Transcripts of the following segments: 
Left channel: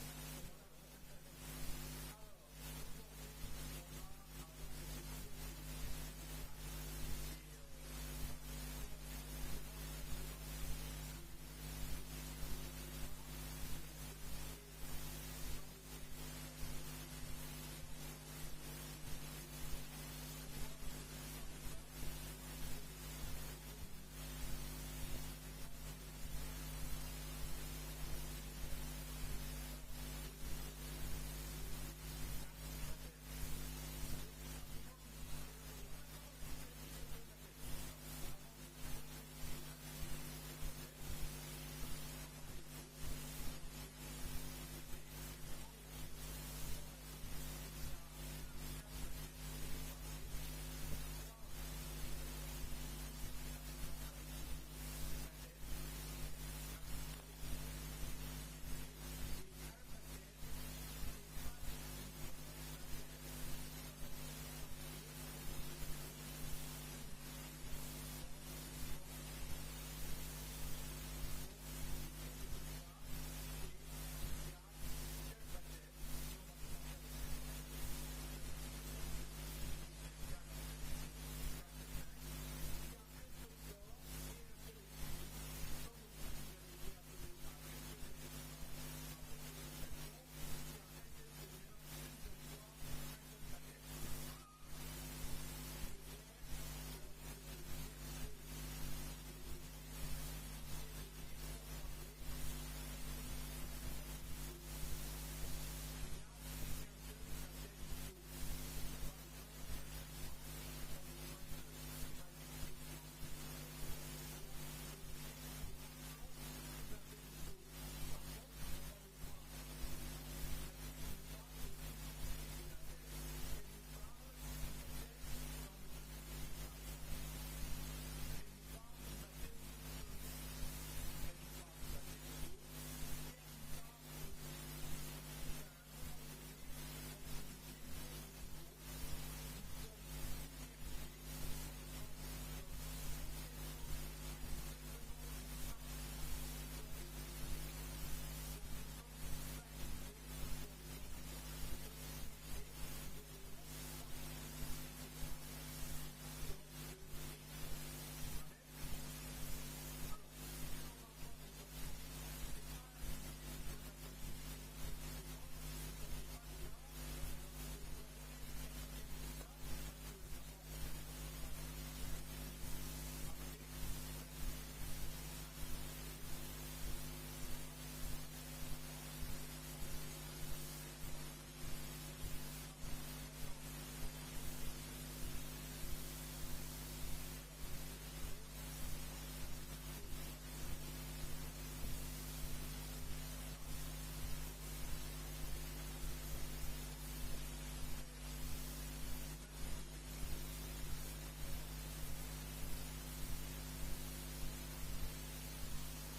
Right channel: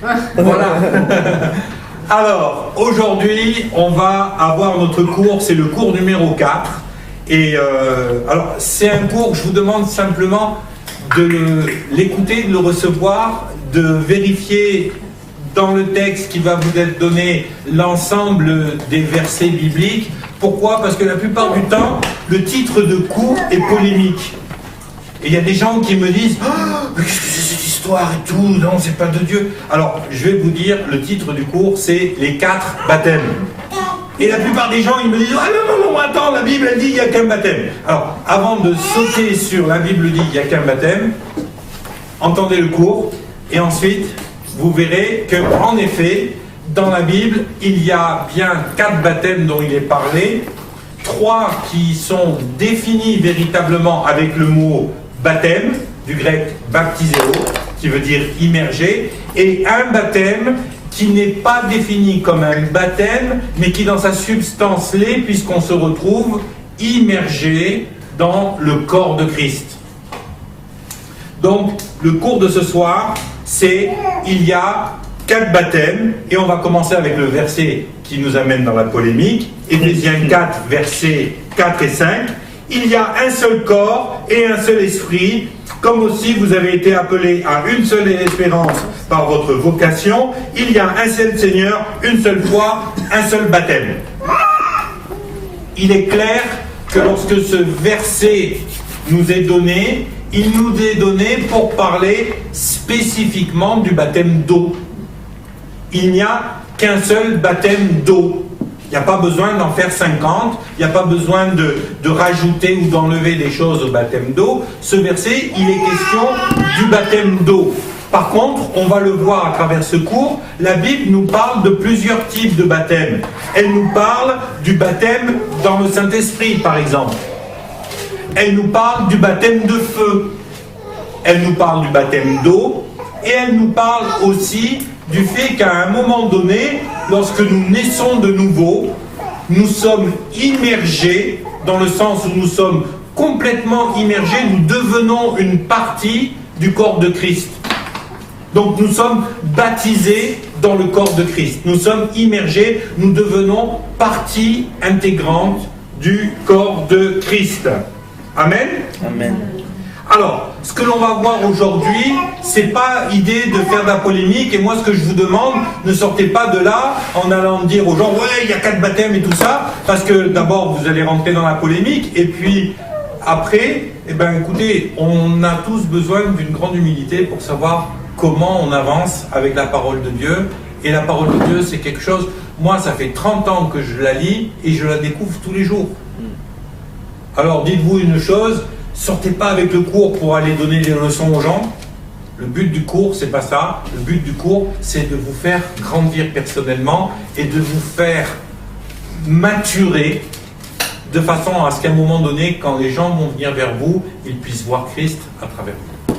Voilà. Alors, aujourd'hui, on va avoir notre cours, c'est le cours numéro 4. Et alors, c'est un cours, je vous demande simplement de l'écouter, de le recevoir, de vérifier dans le texte qui va vous être donné l'ensemble des versets bibliques. Pourquoi? Parce que la plupart du temps, le titre de cours est polémique. Et il y a des gens qui me disent « Oh, qu'est-ce que c'est cette histoire et tout? Non, c'est pas de Dieu. » Alors, je vais vous dire, le titre du cours, c'est « Les 4 baptêmes ». Et la plupart des gens, ils me disent « Ah non, attends, la Bible, elle dit qu'il n'y a qu'un baptême. » Alors, avant de sauter sur « La Bible dit qu'il n'y a qu'un baptême », entendez le cours, et ensuite, vous verrez qu'en effet, dans la Bible, il y a bien 4 baptêmes dont il est parlé, 3 qui sont définis véritablement avec le mot baptême, du grec baptiseo, qui veut dire immergé, et un baptême qui n'est pas défini comme un baptême, mais qui dans sa substance l'est, puisqu'on se retrouve immergé dans le corps de Christ. Donc, le cours de ce soir, c'est il y a 4 baptêmes, et on va commencer avec le verset qui nous amène dans la polémique, Éphésiens 4, versets 4 et 5. Il y a un seul corps et un seul esprit, comme aussi vous avez été appelés à une seule espérance par votre vocation. Il y a un seul Seigneur, une seule foi, un seul baptême. Il est clair que lorsque ce verset nous est donné, il nous est donné pour parler spécifiquement du baptême d'eau. Il n'y a qu'un seul baptême d'eau. Il n'y a pas besoin d'en faire 50, il n'y a pas besoin de rajouter ou d'enlever des choses au baptême d'eau. Ce verset, il est question du baptême d'eau. Par contre, on va le voir à travers ce cours, la Bible nous parle de plusieurs types de baptêmes. Elle nous parle du baptême dans le Saint-Esprit, par exemple. Elle nous parle du baptême de feu. Elle nous parle du baptême d'eau. Et elle nous parle aussi du fait qu'à un moment donné, lorsque nous naissons de nouveau, nous sommes immergés, dans le sens où nous sommes complètement immergés, nous devenons une partie du corps de Christ. Donc nous sommes baptisés dans le corps de Christ. Nous sommes immergés, nous devenons partie intégrante du corps de Christ. Amen? Amen. Alors, ce que l'on va voir aujourd'hui, c'est pas idée de faire de la polémique, et moi ce que je vous demande, ne sortez pas de là en allant dire aux gens, ouais, il y a 4 baptêmes et tout ça, parce que d'abord vous allez rentrer dans la polémique, et puis après, eh ben écoutez, on a tous besoin d'une grande humilité pour savoir comment on avance avec la parole de Dieu, et la parole de Dieu c'est quelque chose, moi ça fait 30 ans que je la lis, et je la découvre tous les jours. Alors dites-vous une chose, sortez pas avec le cours pour aller donner des leçons aux gens. Le but du cours, c'est pas ça. Le but du cours, c'est de vous faire grandir personnellement et de vous faire maturer de façon à ce qu'à un moment donné, quand les gens vont venir vers vous, ils puissent voir Christ à travers vous.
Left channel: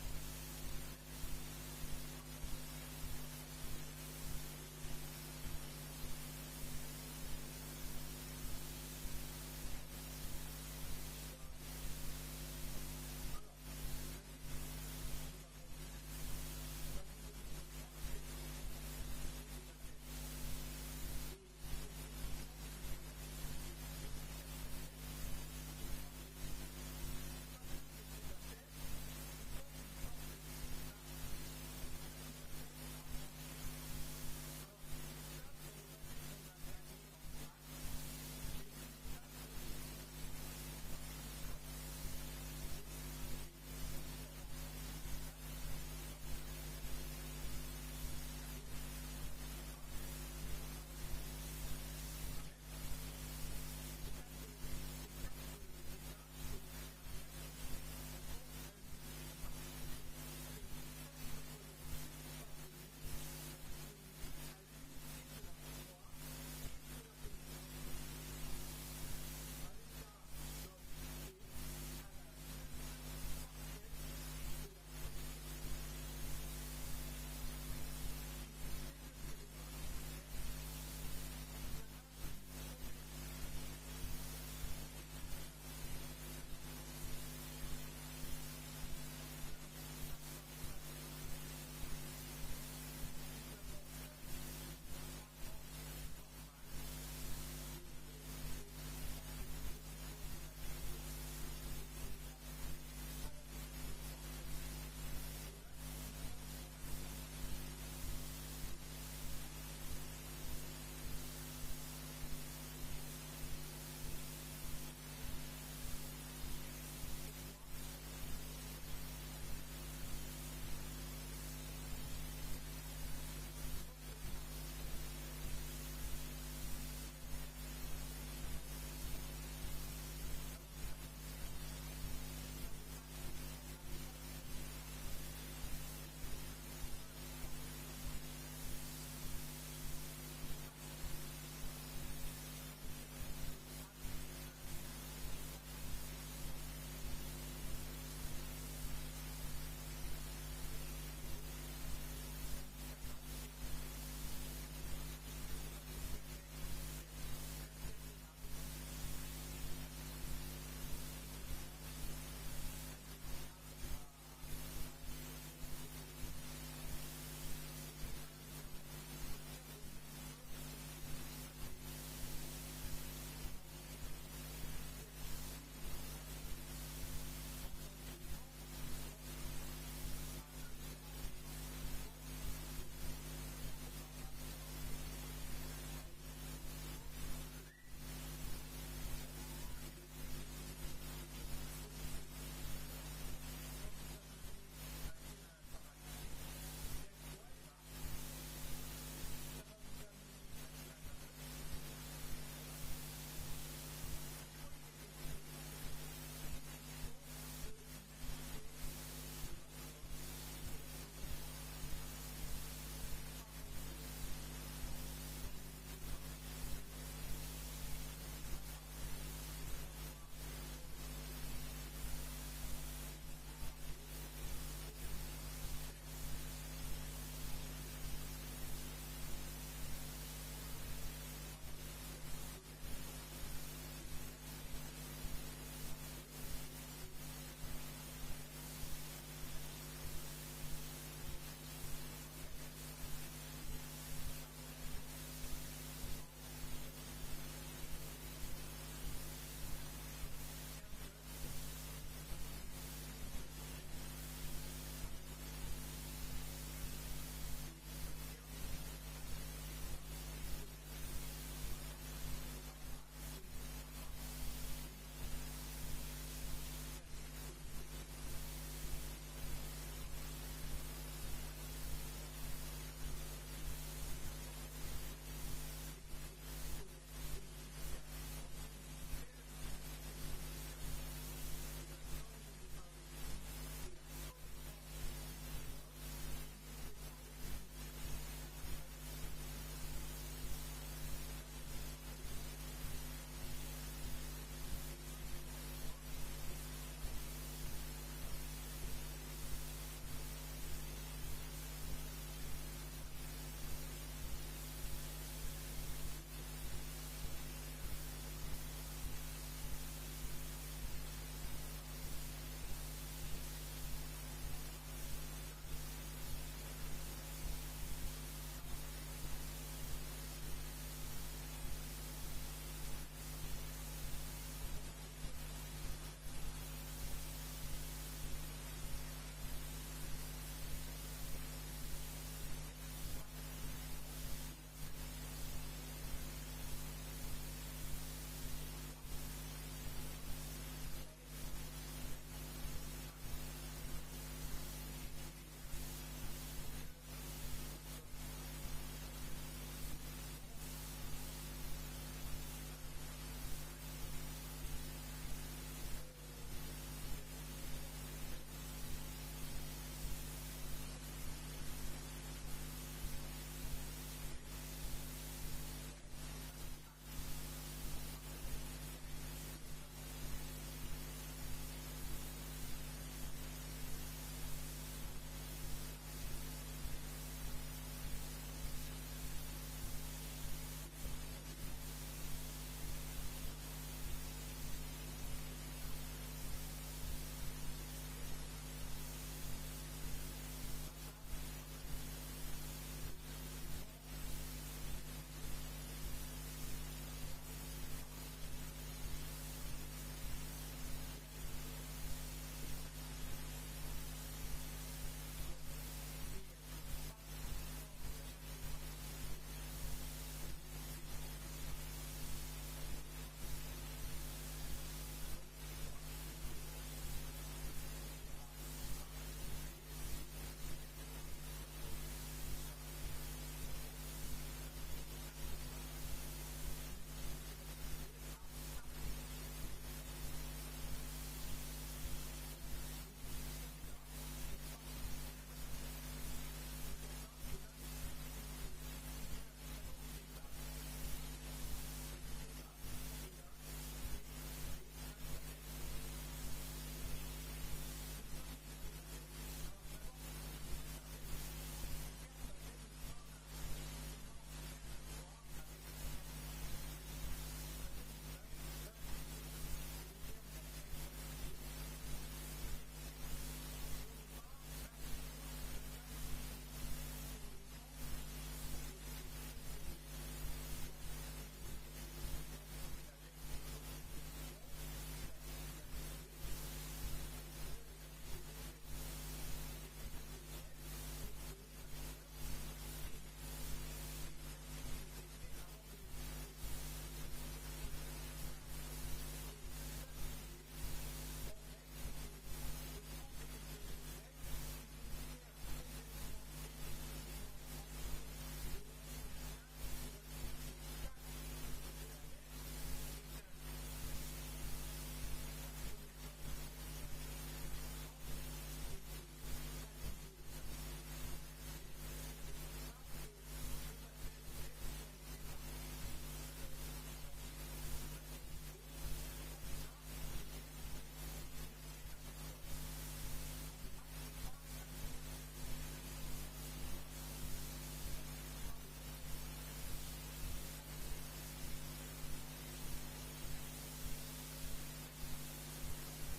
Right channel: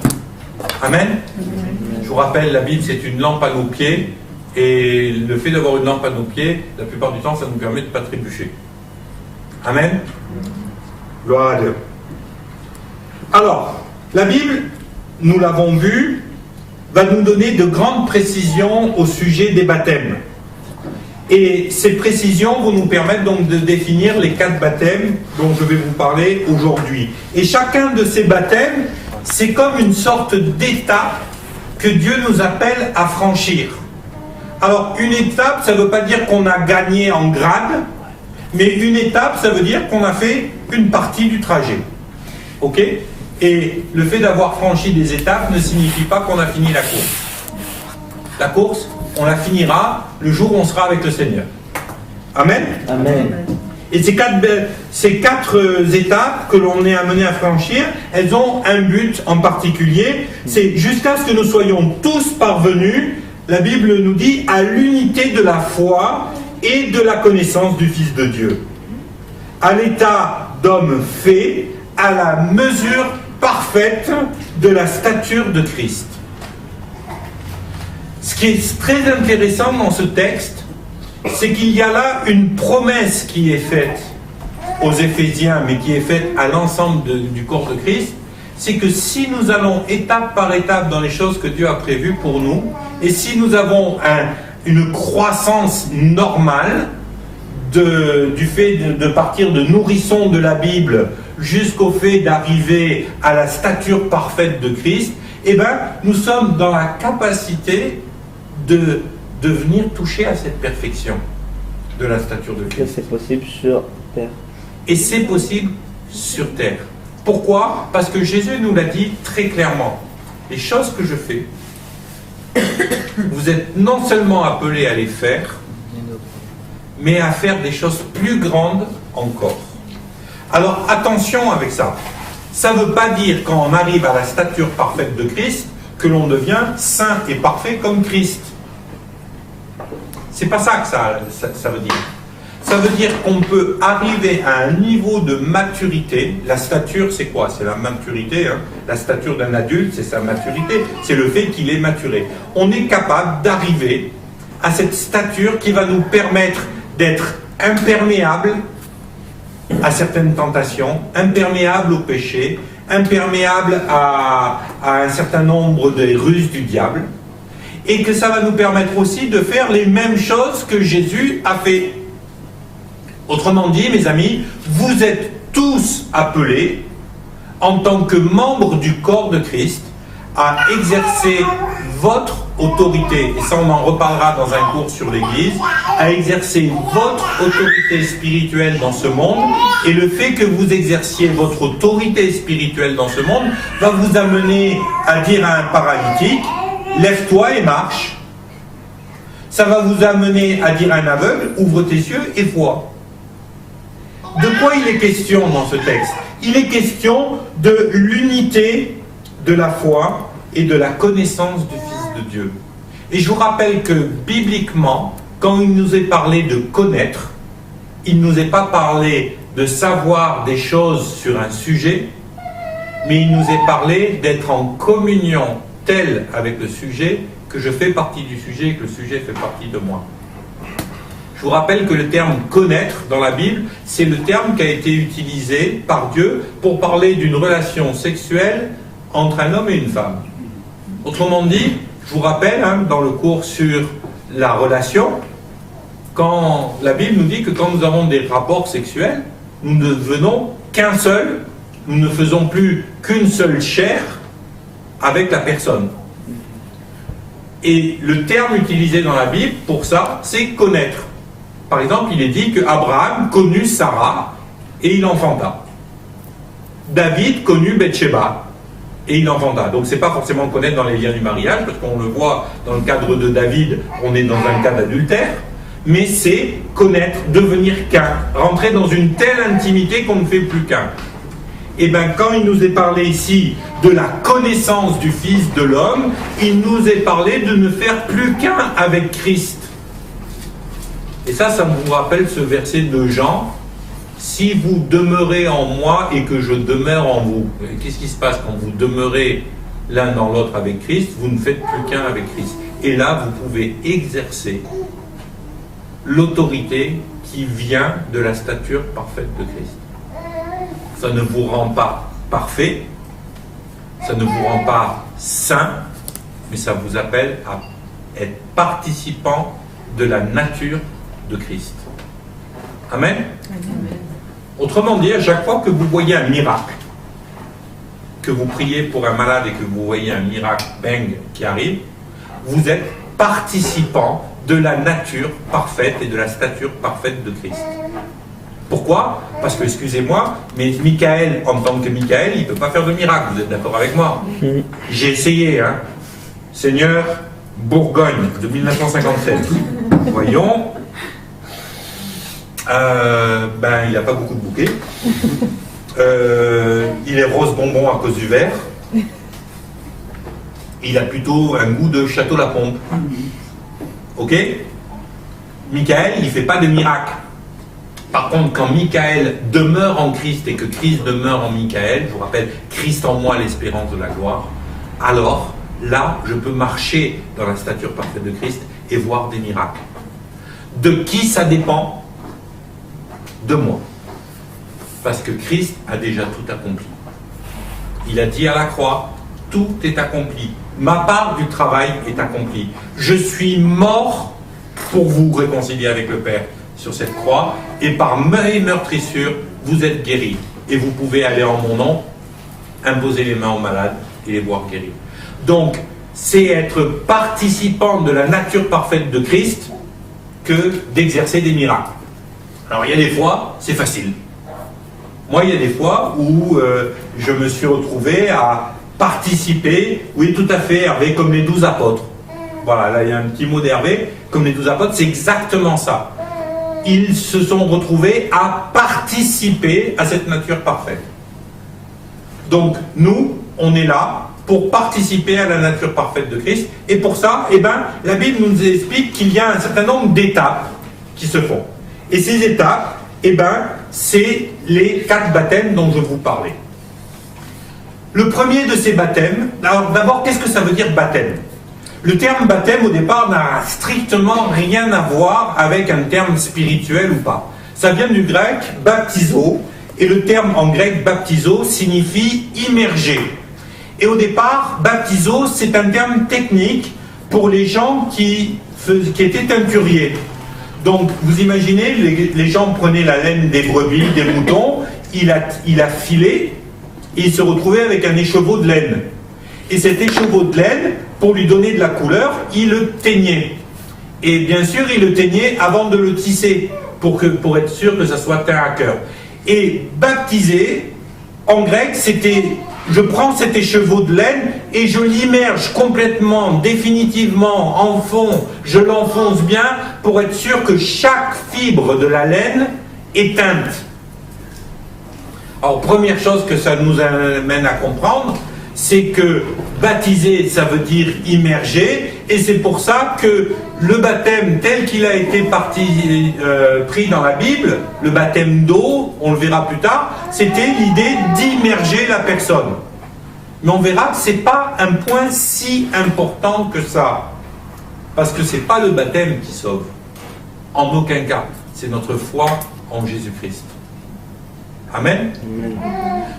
Amen. Je vous rappelle, la Bible, c'est une lampe à nos pieds, et le fait d'avoir une lampe à nos pieds, la plupart du temps, ça nous permet de ne pas trébucher. Amen. Gloire à Dieu. Alors, la Bible, nous l'avons vu, va nous donner de grandes précisions au sujet des baptêmes. Et ces précisions vont nous permettre donc de définir les 4 baptêmes dont je vais vous parler aujourd'hui. Et chacun de ces baptêmes, c'est comme une sorte d'étape que Dieu nous appelle à franchir. Alors, une étape, ça ne veut pas dire qu'on a gagné en grade, mais une étape, ça veut dire qu'on a fait une partie du trajet. Ok ? Et le fait d'avoir franchi des étapes ne signifie pas qu'on a fini la course. La course, on la finira le jour où on sera avec le Seigneur. Amen. Amen. Et ces 4 étapes que l'on est amené à franchir, elles ont un but en particulier. C'est jusqu'à ce que nous soyons tous parvenus, la Bible nous dit, à l'unité de la foi et de la connaissance du Fils de Dieu. À l'état d'homme fait, à la mesure parfaite de la stature de Christ. Ce qui est très intéressant dans ce texte, c'est qu'il y a là une promesse qui est faite aux Éphésiens, mais qui est faite à l'ensemble du corps de Christ, c'est que si nous allons étape par étape dans les choses que Dieu a prévues pour nous, et si nous avons une croissance normale du fait de partir de nourrisson de la Bible jusqu'au fait d'arriver à la stature parfaite de Christ, eh bien, nous sommes dans la capacité de venir toucher à cette perfection de la stature de Christ. C'est possible sur terre. Et c'est possible sur terre. Pourquoi? Parce que Jésus nous l'a dit très clairement. Les choses que je fais, vous êtes non seulement appelés à les faire, mais à faire des choses plus grandes encore. Alors attention avec ça. Ça ne veut pas dire quand on arrive à la stature parfaite de Christ que l'on devient saint et parfait comme Christ. C'est pas ça que ça veut dire. Ça veut dire qu'on peut arriver à un niveau de maturité. La stature, c'est quoi? C'est la maturité. Hein. La stature d'un adulte, c'est sa maturité. C'est le fait qu'il est maturé. On est capable d'arriver à cette stature qui va nous permettre d'être imperméable à certaines tentations, imperméable au péché, imperméable à un certain nombre des ruses du diable, et que ça va nous permettre aussi de faire les mêmes choses que Jésus a fait. Autrement dit, mes amis, vous êtes tous appelés, en tant que membres du corps de Christ, à exercer votre autorité, et ça on en reparlera dans un cours sur l'Église, à exercer votre autorité spirituelle dans ce monde, et le fait que vous exerciez votre autorité spirituelle dans ce monde va vous amener à dire à un paralytique, lève-toi et marche. Ça va vous amener à dire à un aveugle, ouvre tes yeux et vois. De quoi il est question dans ce texte? Il est question de l'unité de la foi et de la connaissance du Fils de Dieu. Et je vous rappelle que bibliquement, quand il nous est parlé de connaître, il ne nous est pas parlé de savoir des choses sur un sujet, mais il nous est parlé d'être en communion telle avec le sujet que je fais partie du sujet et que le sujet fait partie de moi. Je vous rappelle que le terme « connaître » dans la Bible, c'est le terme qui a été utilisé par Dieu pour parler d'une relation sexuelle entre un homme et une femme. Autrement dit, je vous rappelle, dans le cours sur la relation, quand la Bible nous dit que quand nous avons des rapports sexuels, nous ne devenons qu'un seul, nous ne faisons plus qu'une seule chair avec la personne. Et le terme utilisé dans la Bible pour ça, c'est « connaître ». Par exemple, il est dit qu'Abraham connut Sarah et il enfanta. David connut Bathsheba et il enfanta. Donc ce n'est pas forcément connaître dans les liens du mariage, parce qu'on le voit dans le cadre de David, on est dans un cas d'adultère, mais c'est connaître, devenir qu'un, rentrer dans une telle intimité qu'on ne fait plus qu'un. Et bien quand il nous est parlé ici de la connaissance du Fils de l'homme, il nous est parlé de ne faire plus qu'un avec Christ. Et ça vous rappelle ce verset de Jean, « Si vous demeurez en moi et que je demeure en vous ». Qu'est-ce qui se passe quand vous demeurez l'un dans l'autre avec Christ? Vous ne faites plus qu'un avec Christ. Et là, vous pouvez exercer l'autorité qui vient de la stature parfaite de Christ. Ça ne vous rend pas parfait, ça ne vous rend pas saint, mais ça vous appelle à être participant de la nature de Christ. Amen. Amen. Autrement dit, à chaque fois que vous voyez un miracle, que vous priez pour un malade et que vous voyez un miracle, bang, qui arrive, vous êtes participant de la nature parfaite et de la stature parfaite de Christ. Pourquoi? Parce que, excusez-moi, mais Michael, en tant que Michael, il ne peut pas faire de miracle, vous êtes d'accord avec moi? J'ai essayé, hein. Seigneur, Bourgogne, de 1957. Voyons. Il n'a pas beaucoup de bouquets. Il est rose bonbon à cause du verre. Il a plutôt un goût de Château-la-Pompe. Ok? Michael, il ne fait pas de miracle. Par contre, quand Michael demeure en Christ et que Christ demeure en Michael, je vous rappelle, Christ en moi, l'espérance de la gloire, alors, là, je peux marcher dans la stature parfaite de Christ et voir des miracles. De qui ça dépend? De moi. Parce que Christ a déjà tout accompli. Il a dit à la croix, tout est accompli. Ma part du travail est accomplie. Je suis mort pour vous réconcilier avec le Père sur cette croix, et par mes meurtrissures, vous êtes guéris. Et vous pouvez aller en mon nom, imposer les mains aux malades et les voir guéris. Donc, c'est être participant de la nature parfaite de Christ que d'exercer des miracles. Alors, il y a des fois, c'est facile. Moi, il y a des fois où je me suis retrouvé à participer, oui, tout à fait, Hervé, comme les 12 apôtres. Voilà, là, il y a un petit mot d'Hervé, comme les 12 apôtres, c'est exactement ça. Ils se sont retrouvés à participer à cette nature parfaite. Donc, nous, on est là pour participer à la nature parfaite de Christ, et pour ça, eh ben, la Bible nous explique qu'il y a un certain nombre d'étapes qui se font. Et ces étapes, eh ben, c'est les 4 baptêmes dont je vous parlais. Le premier de ces baptêmes, alors d'abord, qu'est-ce que ça veut dire baptême? Le terme baptême, au départ, n'a strictement rien à voir avec un terme spirituel ou pas. Ça vient du grec baptizo, et le terme en grec baptizo signifie immerger. Et au départ, baptizo, c'est un terme technique pour les gens qui étaient teinturiers. Donc, vous imaginez, les gens prenaient la laine des brebis, des moutons, il a filé, et il se retrouvait avec un écheveau de laine. Et cet écheveau de laine, pour lui donner de la couleur, il le teignait. Et bien sûr, il le teignait avant de le tisser, pour être sûr que ça soit teint à cœur. Et baptiser, en grec, c'était, je prends cet écheveau de laine et je l'immerge complètement, définitivement, en fond, je l'enfonce bien, pour être sûr que chaque fibre de la laine est teinte. Alors, première chose que ça nous amène à comprendre, c'est que baptiser, ça veut dire immerger, et c'est pour ça que le baptême tel qu'il a été pris dans la Bible, le baptême d'eau, on le verra plus tard, c'était l'idée d'immerger la personne. Mais on verra que ce n'est pas un point si important que ça, parce que ce n'est pas le baptême qui sauve, en aucun cas, c'est notre foi en Jésus-Christ. Amen.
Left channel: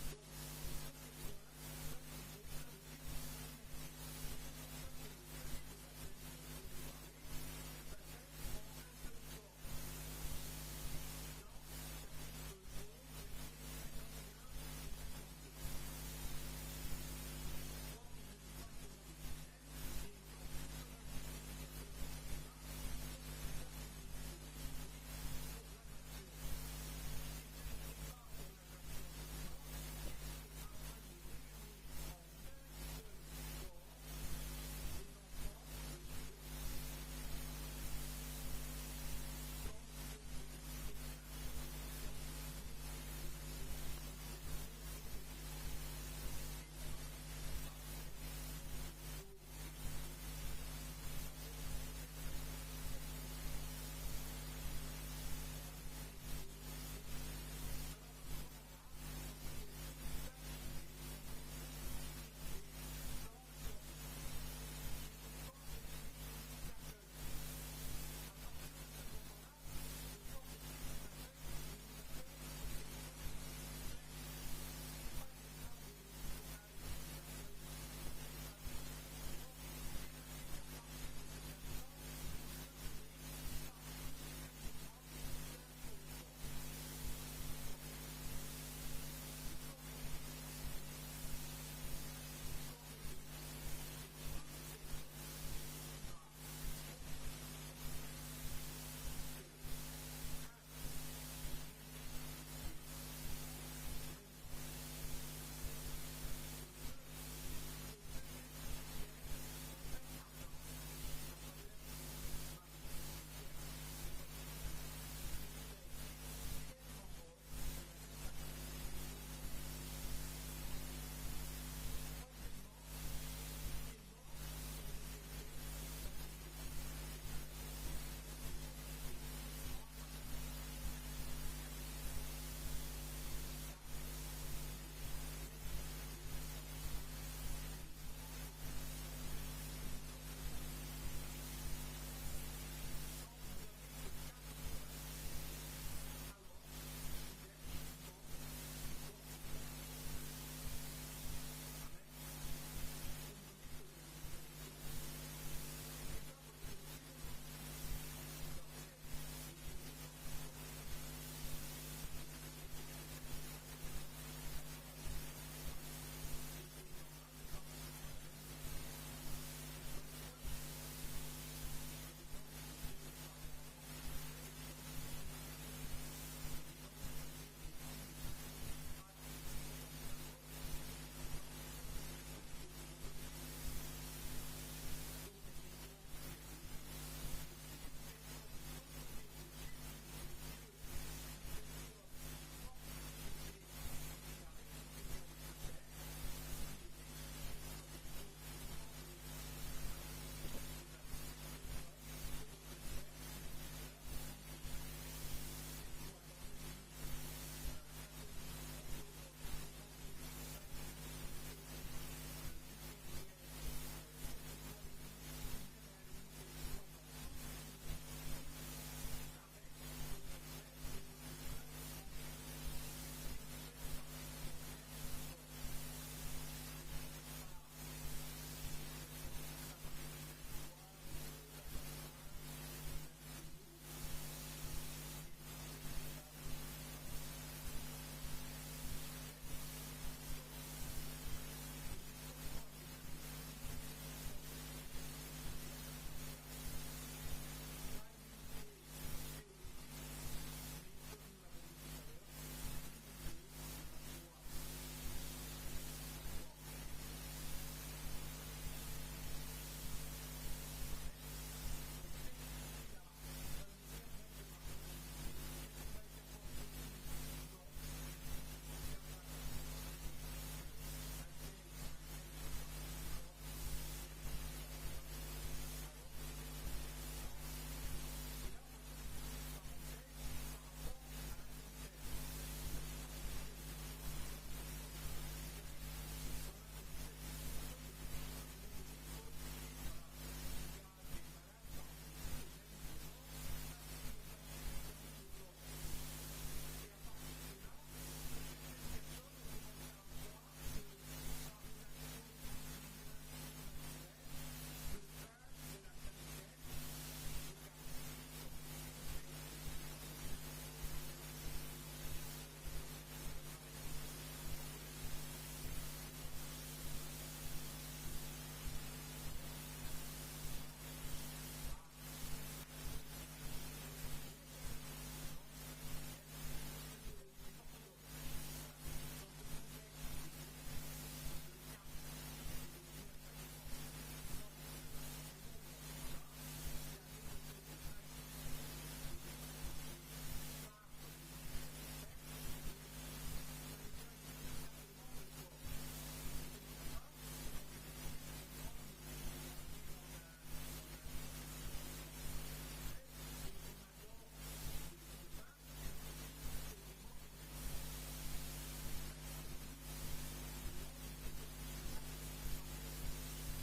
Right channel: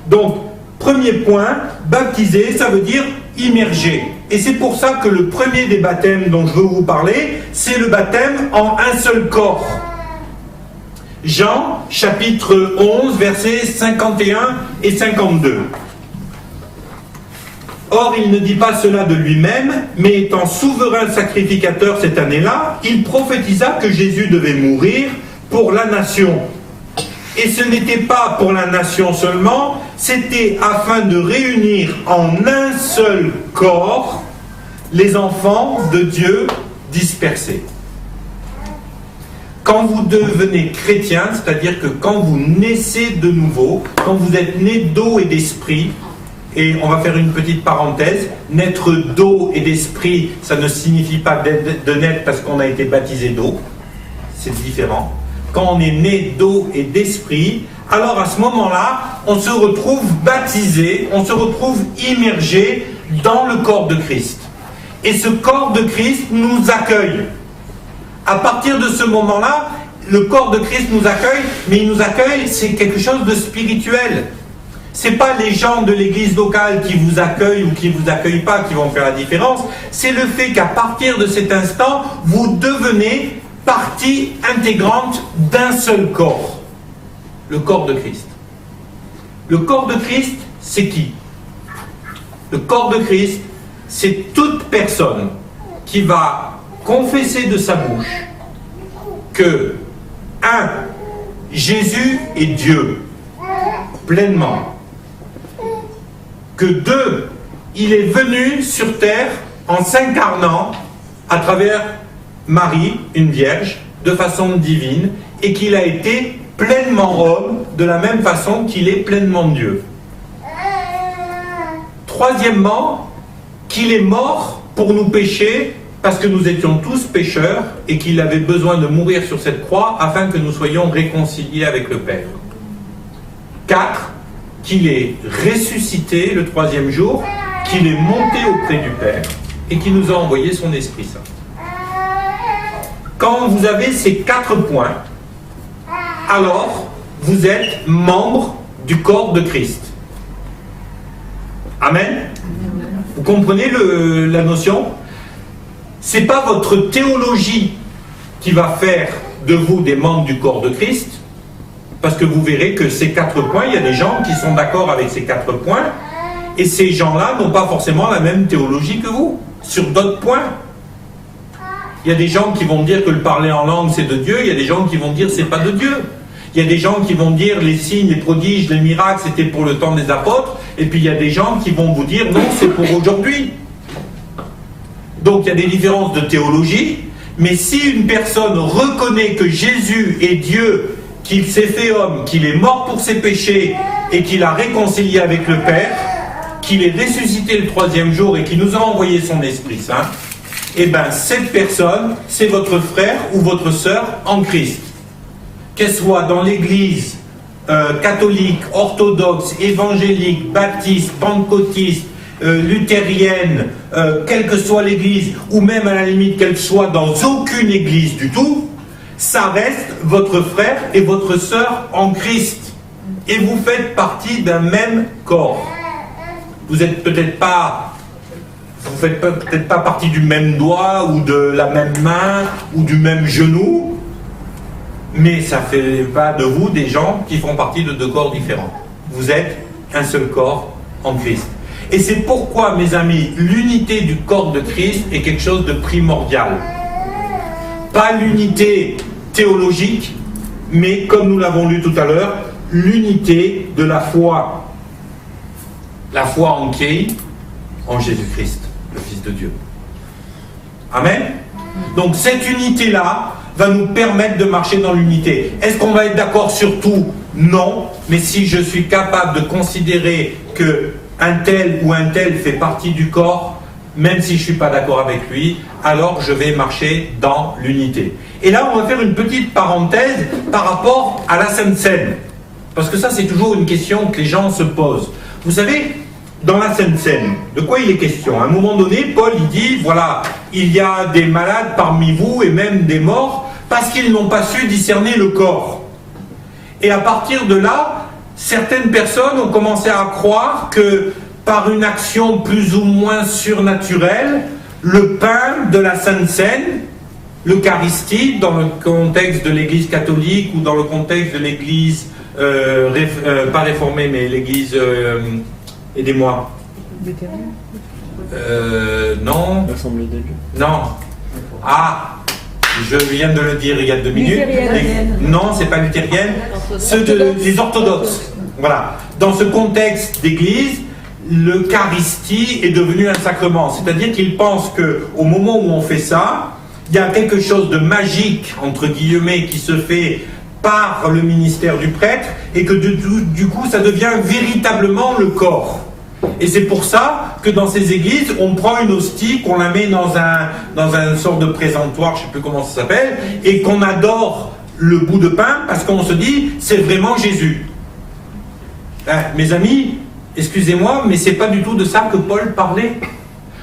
Donc, premier point, baptiser, ça veut dire immerger. Et c'est pour ça que le premier des baptêmes dont je veux vous parler, c'est le baptême en un seul corps. Jean, chapitre 11, versets 51 et 52. Or, il ne dit pas cela de lui-même, mais étant souverain sacrificateur cette année-là, il prophétisa que Jésus devait mourir pour la nation. Et ce n'était pas pour la nation seulement, c'était afin de réunir en un seul corps les enfants de Dieu dispersés. Quand vous devenez chrétien, c'est-à-dire que quand vous naissez de nouveau, quand vous êtes né d'eau et d'esprit, et on va faire une petite parenthèse, naître d'eau et d'esprit, ça ne signifie pas de naître parce qu'on a été baptisé d'eau, c'est différent. Quand on est né d'eau et d'esprit, alors à ce moment-là, on se retrouve baptisé, on se retrouve immergé dans le corps de Christ. Et ce corps de Christ nous accueille. À partir de ce moment-là, le corps de Christ nous accueille, mais il nous accueille, c'est quelque chose de spirituel. Ce n'est pas les gens de l'église locale qui vous accueillent ou qui ne vous accueillent pas qui vont faire la différence, c'est le fait qu'à partir de cet instant, vous devenez partie intégrante d'un seul corps, le corps de Christ. Le corps de Christ, c'est qui? Le corps de Christ, c'est toute personne qui va confesser de sa bouche que, 1. Jésus est Dieu, pleinement. Que 2. Il est venu sur terre en s'incarnant à travers Marie, une vierge, de façon divine, et qu'il a été pleinement homme, de la même façon qu'il est pleinement Dieu. Troisièmement, qu'il est mort pour nous pécher, parce que nous étions tous pécheurs, et qu'il avait besoin de mourir sur cette croix, afin que nous soyons réconciliés avec le Père. 4, qu'il est ressuscité le 3e jour, qu'il est monté auprès du Père, et qu'il nous a envoyé son Esprit Saint. Quand vous avez ces 4 points, alors vous êtes membre du corps de Christ. Amen. Vous comprenez la notion? C'est pas votre théologie qui va faire de vous des membres du corps de Christ, parce que vous verrez que ces 4 points, il y a des gens qui sont d'accord avec ces 4 points, et ces gens-là n'ont pas forcément la même théologie que vous, sur d'autres points. Il y a des gens qui vont dire que le parler en langue c'est de Dieu, il y a des gens qui vont dire c'est pas de Dieu. Il y a des gens qui vont dire les signes, les prodiges, les miracles c'était pour le temps des apôtres, et puis il y a des gens qui vont vous dire non, c'est pour aujourd'hui. Donc il y a des différences de théologie, mais si une personne reconnaît que Jésus est Dieu, qu'il s'est fait homme, qu'il est mort pour ses péchés et qu'il a réconcilié avec le Père, qu'il est ressuscité le 3e jour et qu'il nous a envoyé son Esprit Saint, eh bien cette personne, c'est votre frère ou votre sœur en Christ. Qu'elle soit dans l'église catholique, orthodoxe, évangélique, baptiste, pentecôtiste, luthérienne, quelle que soit l'église, ou même à la limite qu'elle soit dans aucune église du tout, ça reste votre frère et votre sœur en Christ. Et vous faites partie d'un même corps. Vous n'êtes peut-être pas, vous faites peut-être pas partie du même doigt, ou de la même main, ou du même genou, mais ça ne fait pas de vous des gens qui font partie de 2 corps différents. Vous êtes un seul corps en Christ. Et c'est pourquoi, mes amis, l'unité du corps de Christ est quelque chose de primordial. Pas l'unité théologique, mais comme nous l'avons lu tout à l'heure, l'unité de la foi. La foi en qui? En Jésus-Christ, le Fils de Dieu. Amen. Donc cette unité-là va nous permettre de marcher dans l'unité. Est-ce qu'on va être d'accord sur tout? Non. Mais si je suis capable de considérer que un tel ou un tel fait partie du corps, même si je ne suis pas d'accord avec lui, alors je vais marcher dans l'unité. Et là, on va faire une petite parenthèse par rapport à la Sainte Seine. Parce que ça, c'est toujours une question que les gens se posent. Vous savez, dans la Sainte Seine, de quoi il est question? À un moment donné, Paul, il dit, voilà, il y a des malades parmi vous et même des morts, parce qu'ils n'ont pas su discerner le corps. Et à partir de là, certaines personnes ont commencé à croire que par une action plus ou moins surnaturelle, le pain de la Sainte Seine, l'Eucharistie, dans le contexte de l'Église catholique ou dans le contexte de l'Église, pas réformée, mais l'Église, aidez-moi. Non. L'Assemblée des Dieux. Non. Ah, je viens de le dire il y a 2 minutes. Non, c'est pas luthérienne. Les orthodoxes. Voilà. Dans ce contexte d'église, l'Eucharistie est devenue un sacrement. C'est-à-dire qu'ils pensent qu'au moment où on fait ça, il y a quelque chose de magique, entre guillemets, qui se fait par le ministère du prêtre, et que du coup, ça devient véritablement le corps. Et c'est pour ça que dans ces églises, on prend une hostie, qu'on la met dans un sorte de présentoir, je ne sais plus comment ça s'appelle, et qu'on adore le bout de pain, parce qu'on se dit, c'est vraiment Jésus. Mes amis, excusez-moi, mais c'est pas du tout de ça que Paul parlait.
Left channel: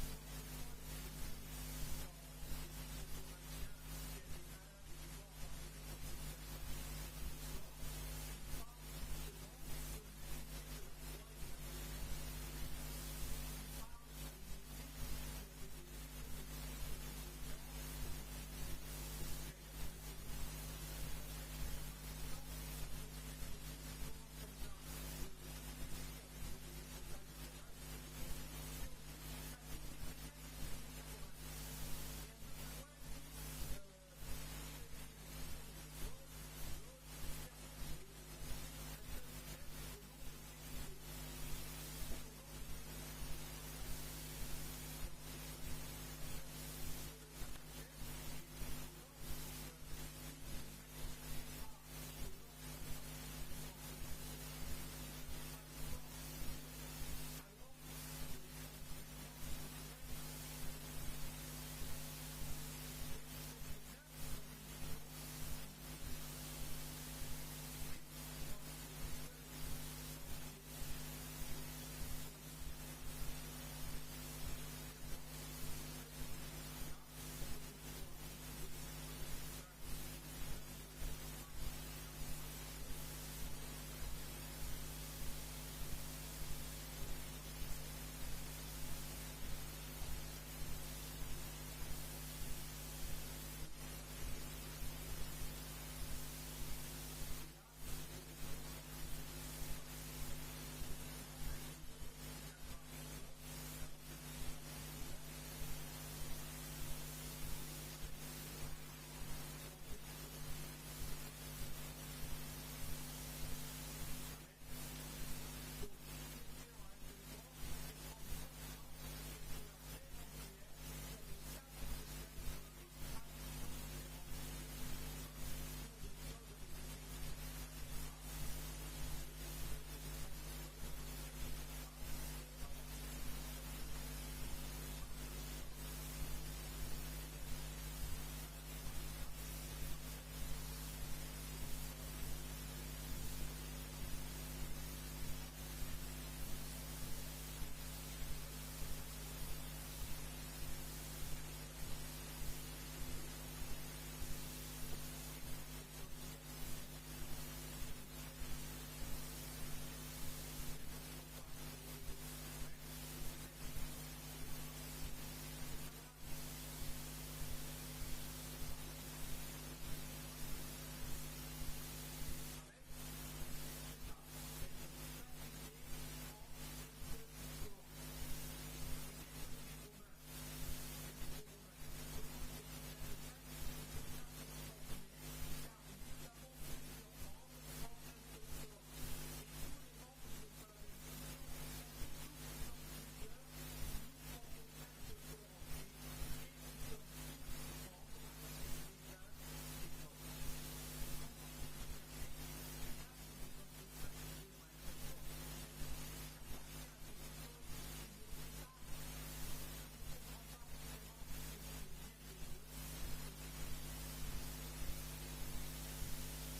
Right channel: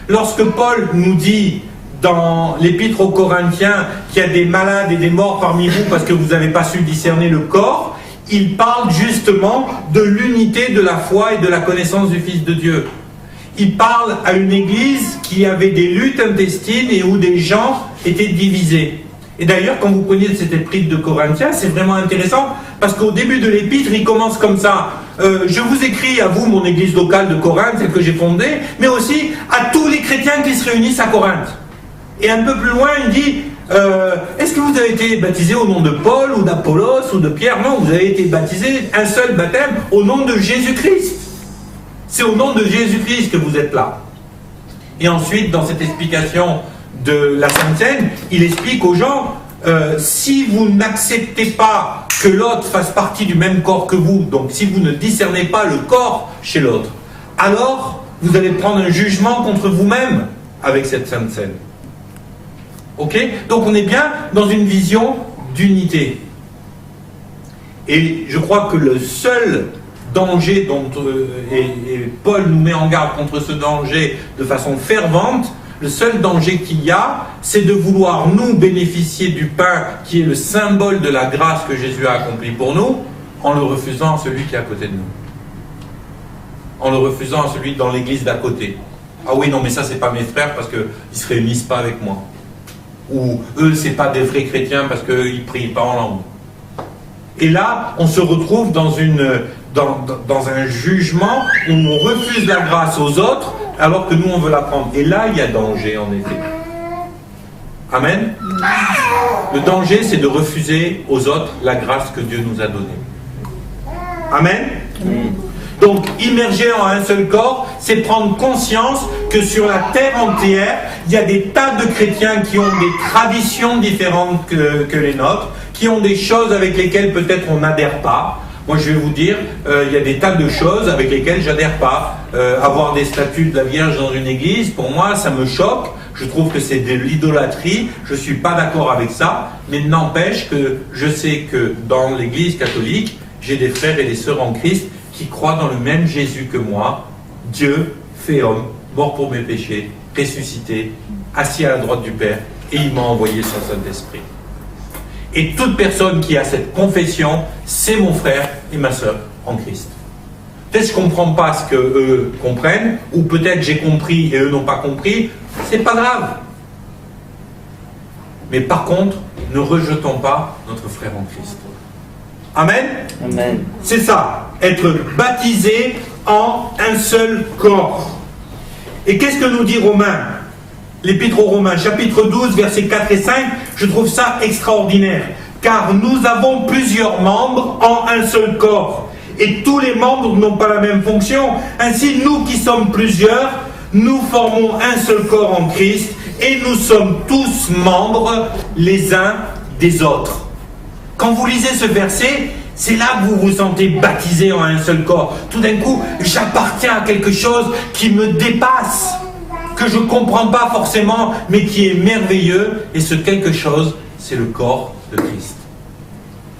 Lorsque Paul nous dit dans l'épître aux Corinthiens qu'il y a des malades et des morts parmi vous parce que vous n'avez pas su discerner le corps, il parle justement de l'unité de la foi et de la connaissance du Fils de Dieu. Il parle à une église qui avait des luttes intestines et où des gens étaient divisés. Et d'ailleurs, quand vous prenez cette épître de Corinthiens, c'est vraiment intéressant, parce qu'au début de l'épître, il commence comme ça. Je vous écris à vous, mon église locale de Corinthe, celle que j'ai fondée, mais aussi à tous les chrétiens qui se réunissent à Corinthe. Et un peu plus loin, il dit, est-ce que vous avez été baptisé au nom de Paul, ou d'Apollos, ou de Pierre? Non, vous avez été baptisé, un seul baptême, au nom de Jésus-Christ. C'est au nom de Jésus-Christ que vous êtes là. Et ensuite, dans cette explication de la Sainte Seine, il explique aux gens, si vous n'acceptez pas que l'autre fasse partie du même corps que vous, donc si vous ne discernez pas le corps chez l'autre, alors vous allez prendre un jugement contre vous-même avec cette Sainte Seine. Ok? Donc on est bien dans une vision d'unité. Et je crois que le seul danger dont et Paul nous met en garde contre ce danger de façon fervente, le seul danger qu'il y a, c'est de vouloir nous bénéficier du pain qui est le symbole de la grâce que Jésus a accomplie pour nous, en le refusant à celui qui est à côté de nous. en le refusant à celui dans l'église d'à côté. Ah oui, non, mais ça, c'est pas mes frères parce qu'ils ne se réunissent pas avec moi. Ou eux, c'est pas des vrais chrétiens parce qu'ils ne prient pas en langue. Et là, on se retrouve dans un jugement où on refuse la grâce aux autres alors que nous, on veut la prendre. Et là, il y a danger, en effet. Amen. Le danger, c'est de refuser aux autres la grâce que Dieu nous a donnée. Amen. Donc, immerger en un seul corps, c'est prendre conscience que sur la terre entière, il y a des tas de chrétiens qui ont des traditions différentes que les nôtres, qui ont des choses avec lesquelles peut-être on n'adhère pas. Moi, je vais vous dire, il y a des tas de choses avec lesquelles j'adhère pas. Avoir des statues de la Vierge dans une église, pour moi, ça me choque. Je trouve que c'est de l'idolâtrie. Je ne suis pas d'accord avec ça. Mais n'empêche que je sais que dans l'église catholique, j'ai des frères et des sœurs en Christ qui croient dans le même Jésus que moi. Dieu fait homme, mort pour mes péchés, ressuscité, assis à la droite du Père, et il m'a envoyé son Saint-Esprit. Et toute personne qui a cette confession, c'est mon frère et ma sœur en Christ. Peut-être que je ne comprends pas ce qu'eux comprennent, ou peut-être j'ai compris et eux n'ont pas compris, c'est pas grave. Mais par contre, ne rejetons pas notre frère en Christ. Amen. Amen. C'est ça, être baptisé en un seul corps. Et qu'est-ce que nous dit Romains? L'Épître aux Romains, chapitre 12, versets 4 et 5, je trouve ça extraordinaire. Car nous avons plusieurs membres en un seul corps. Et tous les membres n'ont pas la même fonction. Ainsi, nous qui sommes plusieurs, nous formons un seul corps en Christ. Et nous sommes tous membres les uns des autres. Quand vous lisez ce verset, c'est là que vous vous sentez baptisé en un seul corps. Tout d'un coup, j'appartiens à quelque chose qui me dépasse, que je ne comprends pas forcément, mais qui est merveilleux. Et ce quelque chose, c'est le corps de Christ.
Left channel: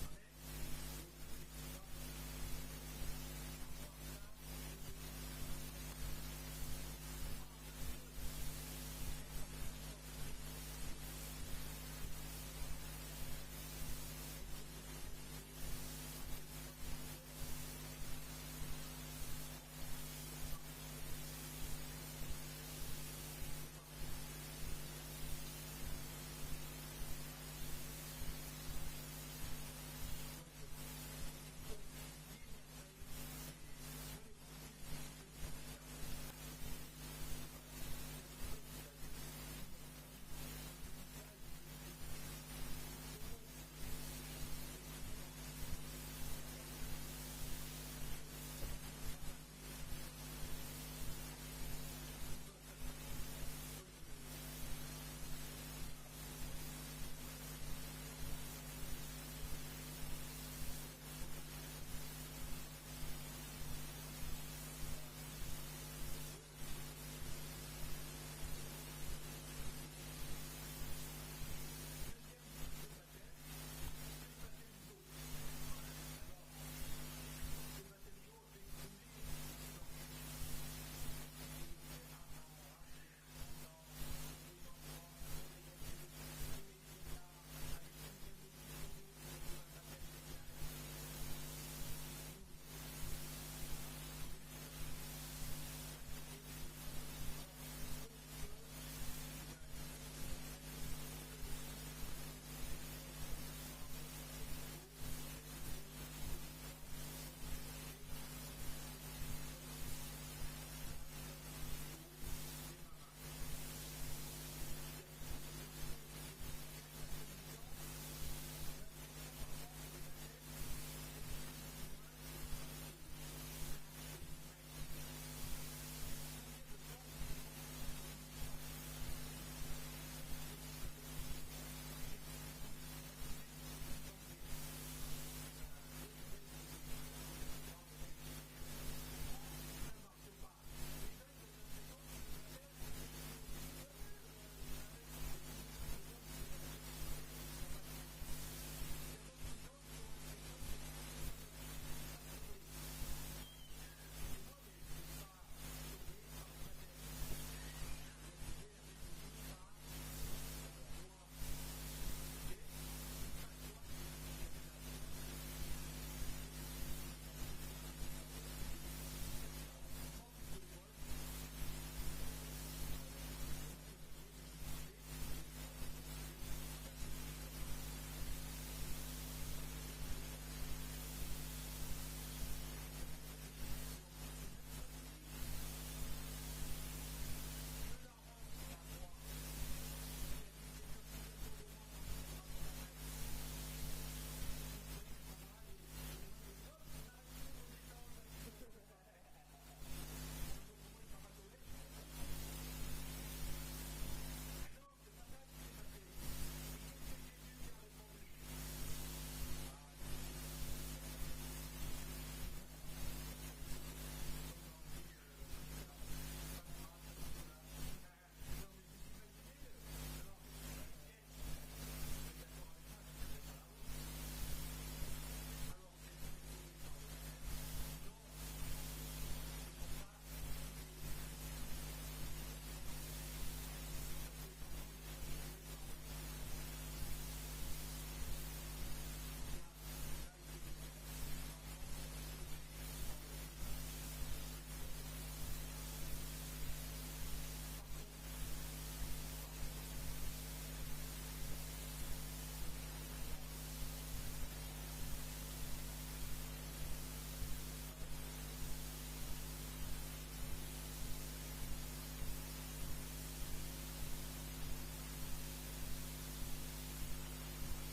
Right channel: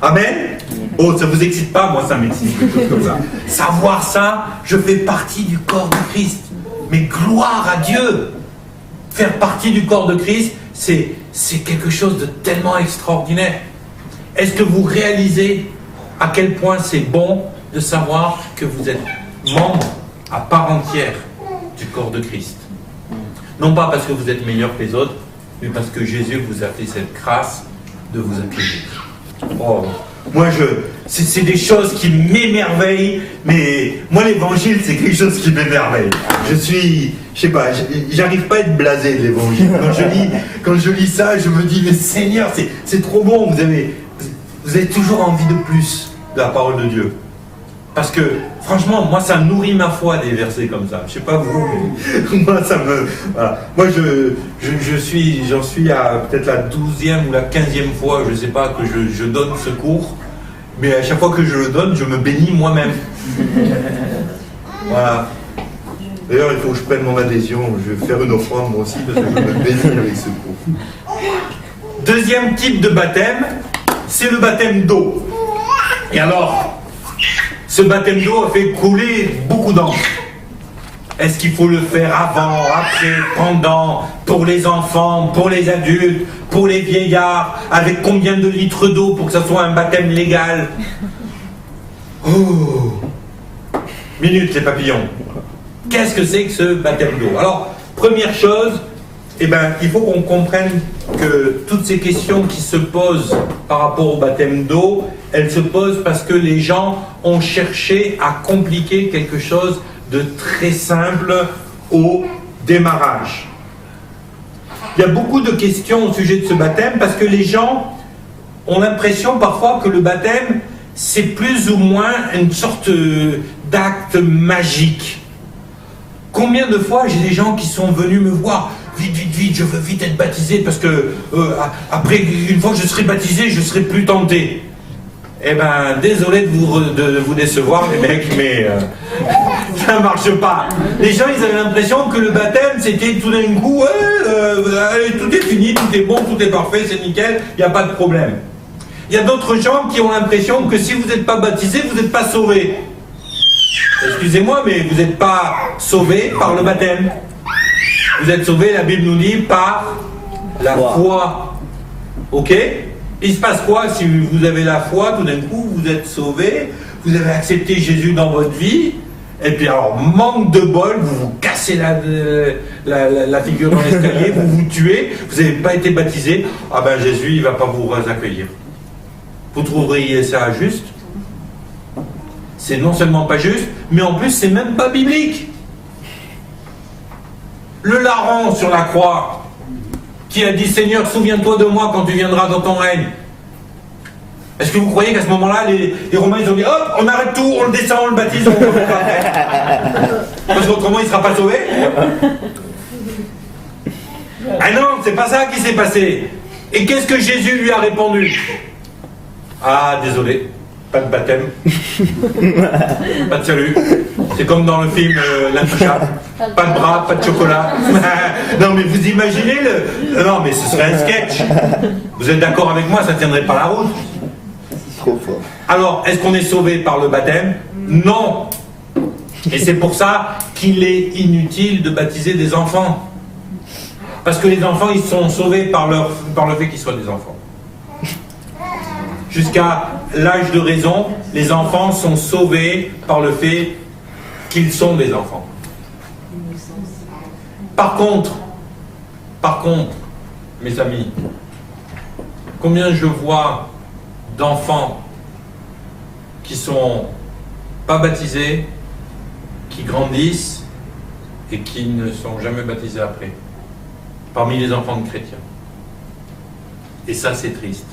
Amen. Oh, ça ne vous excite pas? Moi, ça m'excite, quelque chose comme ça. Savoir ça, je fais partie du corps de Christ. Mais gloire à Dieu! Faire partie du corps de Christ, c'est quelque chose de tellement extraordinaire. Est-ce que vous réalisez à quel point c'est bon de savoir que vous êtes membre à part entière du corps de Christ? Non pas parce que vous êtes meilleur que les autres, mais parce que Jésus vous a fait cette grâce de vous accueillir. Oh, moi, c'est des choses qui m'émerveillent, mais moi, l'évangile, c'est quelque chose qui m'émerveille. Je sais pas, j'arrive pas à être blasé de l'évangile. Quand je lis ça, je me dis, mais Seigneur, c'est trop bon, vous avez toujours envie de plus de la parole de Dieu. Parce que, franchement, moi, ça nourrit ma foi, des versets comme ça. Je sais pas vous, mais moi, ça me... Voilà. Moi, j'en suis à peut-être la 12e ou la 15e fois, je sais pas, que je donne ce cours. Mais à chaque fois que je le donne, je me bénis moi-même. Voilà. D'ailleurs, il faut que je prenne mon adhésion. Je vais faire une offrande, moi aussi, parce que je me bénis avec ce cours. Deuxième type de baptême, c'est le baptême d'eau. Et alors... ce baptême d'eau a fait couler beaucoup d'encre. Est-ce qu'il faut le faire avant, après, pendant, pour les enfants, pour les adultes, pour les vieillards, avec combien de litres d'eau pour que ça soit un baptême légal? Oh! Minute les papillons. Qu'est-ce que c'est que ce baptême d'eau? Alors, première chose, il faut qu'on comprenne que toutes ces questions qui se posent par rapport au baptême d'eau, elles se posent parce que les gens ont cherché à compliquer quelque chose de très simple au démarrage. Il y a beaucoup de questions au sujet de ce baptême parce que les gens ont l'impression parfois que le baptême, c'est plus ou moins une sorte d'acte magique. Combien de fois j'ai des gens qui sont venus me voir, vite, je veux vite être baptisé parce que après, une fois que je serai baptisé, je serai plus tenté. Eh ben, désolé de vous décevoir les mecs, mais ça ne marche pas. Les gens, ils avaient l'impression que le baptême, c'était tout d'un coup, tout est fini, tout est bon, tout est parfait, c'est nickel, il n'y a pas de problème. Il y a d'autres gens qui ont l'impression que si vous n'êtes pas baptisé, vous n'êtes pas sauvé. Excusez-moi, mais vous n'êtes pas sauvé par le baptême. Vous êtes sauvé, la Bible nous dit, par la foi. Ok? Il se passe quoi si vous avez la foi, tout d'un coup, vous êtes sauvé, vous avez accepté Jésus dans votre vie, Et puis alors, manque de bol, vous vous cassez la figure dans l'escalier, vous vous tuez, vous n'avez pas été baptisé, ah ben Jésus, il ne va pas vous accueillir. Vous trouveriez ça juste? C'est non seulement pas juste, mais en plus, c'est même pas biblique. Le larron sur la croix, qui a dit, Seigneur, souviens-toi de moi quand tu viendras dans ton règne. Est-ce que vous croyez qu'à ce moment-là, les Romains, ils ont dit, hop, on arrête tout, on le descend, on le baptise, on le parce qu'autrement, il ne sera pas sauvé? Ah non, c'est pas ça qui s'est passé. Et qu'est-ce que Jésus lui a répondu? Ah, désolé, pas de baptême, pas de salut. C'est comme dans le film L'Intouchable. Pas de bras, pas de chocolat. Non, mais vous imaginez le... Non, mais ce serait un sketch. Vous êtes d'accord avec moi, ça ne tiendrait pas la route. Alors, est-ce qu'on est sauvé par le baptême? Non. Et c'est pour ça qu'il est inutile de baptiser des enfants. Parce que les enfants, ils sont sauvés par le fait qu'ils soient des enfants. Jusqu'à l'âge de raison, les enfants sont sauvés par le fait qu'ils sont des enfants. Par contre, mes amis, combien je vois d'enfants qui sont pas baptisés, qui grandissent et qui ne sont jamais baptisés après, parmi les enfants de chrétiens. Et ça, c'est triste.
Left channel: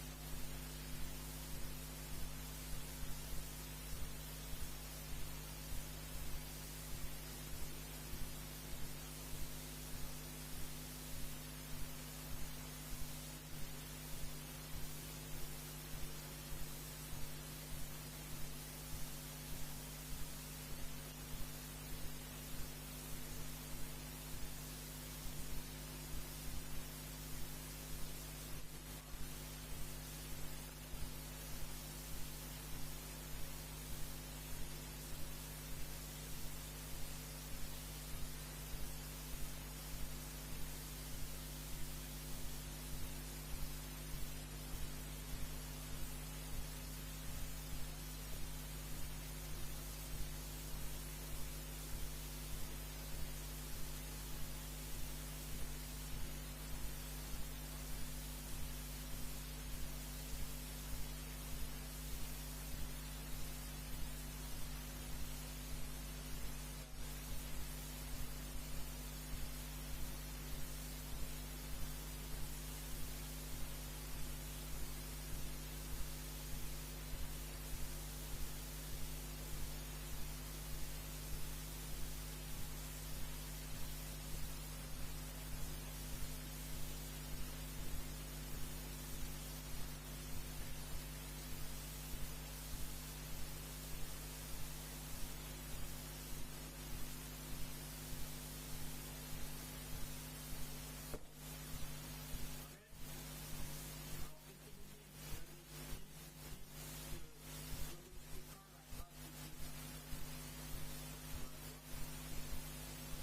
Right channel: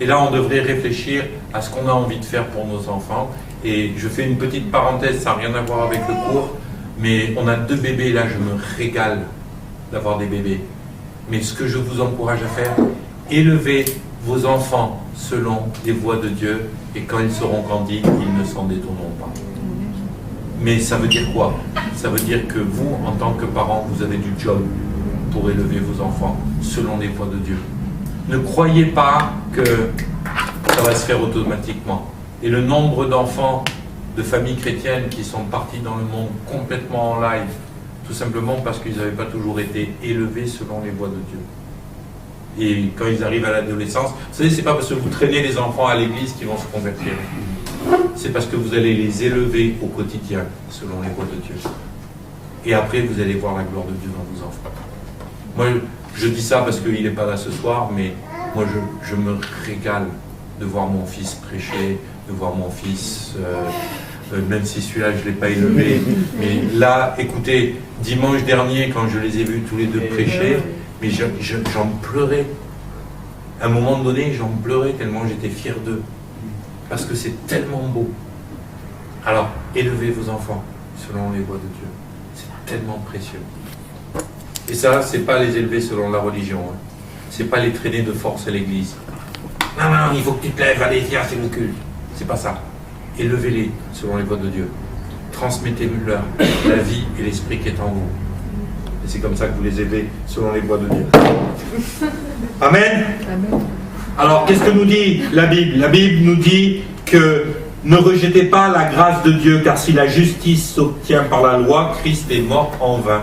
Et là, on devrait réfléchir à ce qu'on a envie de faire pour nos enfants. Et je fais une petite parenthèse, ça n'a rien à voir avec le cours, mais on a 2 bébés, là, je me régale d'avoir des bébés. Mais ce que je vous encourage à faire, élevez vos enfants selon les voies de Dieu, et quand ils seront grandis, ils ne s'en détourneront pas. Mais ça veut dire quoi? Ça veut dire que vous, en tant que parents, vous avez du job pour élever vos enfants selon les voies de Dieu. Ne croyez pas que ça va se faire automatiquement. Et le nombre d'enfants de familles chrétiennes qui sont partis dans le monde complètement en live, tout simplement parce qu'ils n'avaient pas toujours été élevés selon les voies de Dieu. Et quand ils arrivent à l'adolescence, vous savez, c'est pas parce que vous traînez les enfants à l'église qu'ils vont se convertir. C'est parce que vous allez les élever au quotidien selon les voies de Dieu. Et après, vous allez voir la gloire de Dieu dans vos enfants. Moi, je dis ça parce qu'il n'est pas là ce soir, mais moi, je me régale de voir mon fils prêcher, de voir mon fils, même si celui-là, je ne l'ai pas élevé. Mais là, écoutez, dimanche dernier, quand je les ai vus tous les deux prêcher, mais j'en pleurais. À un moment donné, j'en pleurais tellement j'étais fier d'eux. Parce que c'est tellement beau. Alors, élevez vos enfants selon les voies de Dieu. C'est tellement précieux. Et ça, c'est pas les élever selon la religion. Hein. C'est pas les traîner de force à l'église. Non, il faut que tu te lèves, allez, viens, c'est le culte. C'est pas ça. Élevez-les selon les voies de Dieu. Transmettez-leur la vie et l'esprit qui est en vous. Et c'est comme ça que vous les élevez selon les voies de Dieu. Amen. Amen. Alors, qu'est-ce que nous dit la Bible? La Bible nous dit que ne rejetez pas la grâce de Dieu, car si la justice s'obtient par la loi, Christ est mort en vain.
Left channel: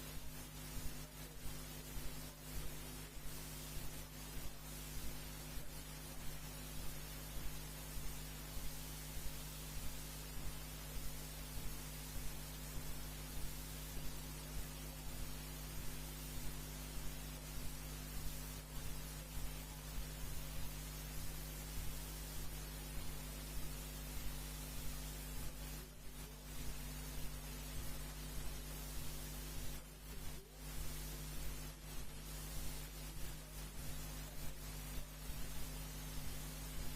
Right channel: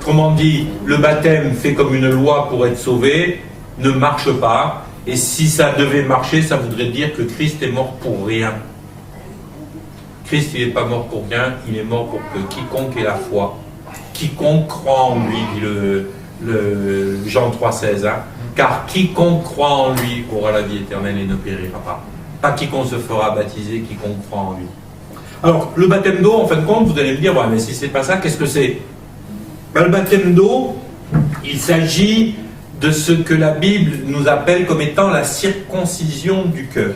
Autrement dit, le baptême fait comme une loi pour être sauvé ne marche pas. Et si ça devait marcher, ça voudrait dire que Christ est mort pour rien. Christ, il n'est pas mort pour rien, il est mort pour que quiconque ait la foi, quiconque croit en lui, dit le Jean 3,16, hein, car quiconque croit en lui aura la vie éternelle et ne périra pas. Pas quiconque se fera baptiser, quiconque croit en lui. Alors, le baptême d'eau, en fin de compte, vous allez me dire, ouais, mais si c'est pas ça, qu'est-ce que c'est? Ben, le baptême d'eau, il s'agit de ce que la Bible nous appelle comme étant la circoncision du cœur.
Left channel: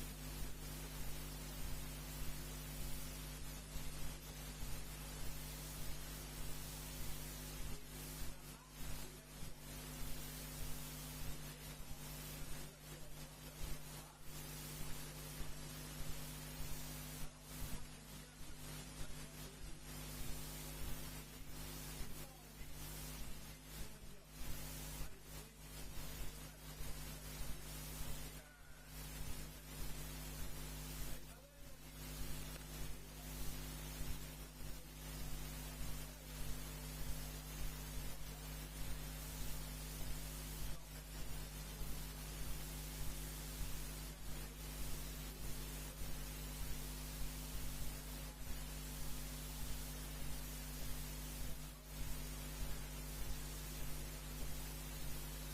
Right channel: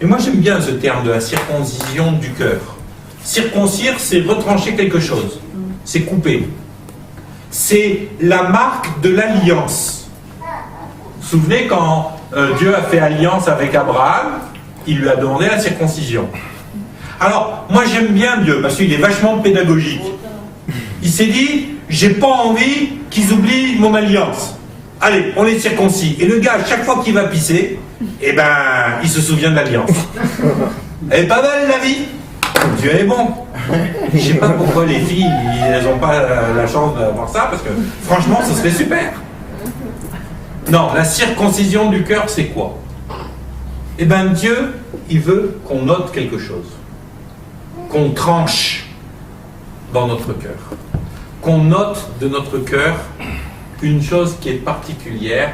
Et moi, j'aime bien ce terme de la circoncision du cœur. Circoncire, c'est retrancher quelque chose. C'est couper. C'est la marque de l'alliance. Vous vous souvenez quand Dieu a fait alliance avec Abraham, il lui a demandé la circoncision. Alors, moi j'aime bien Dieu, parce qu'il est vachement pédagogique. Il s'est dit, j'ai pas envie qu'ils oublient mon alliance. Allez, on les circoncis. Et le gars, chaque fois qu'il va pisser, eh ben, il se souvient de l'alliance. Elle est pas mal la vie. Dieu est bon. Je sais pas pourquoi les filles, elles n'ont pas la chance d'avoir ça, parce que franchement, ce serait super. Non, la circoncision du cœur, c'est quoi? Eh bien, Dieu, il veut qu'on note quelque chose. qu'on tranche dans notre cœur, qu'on note de notre cœur une chose qui est particulière,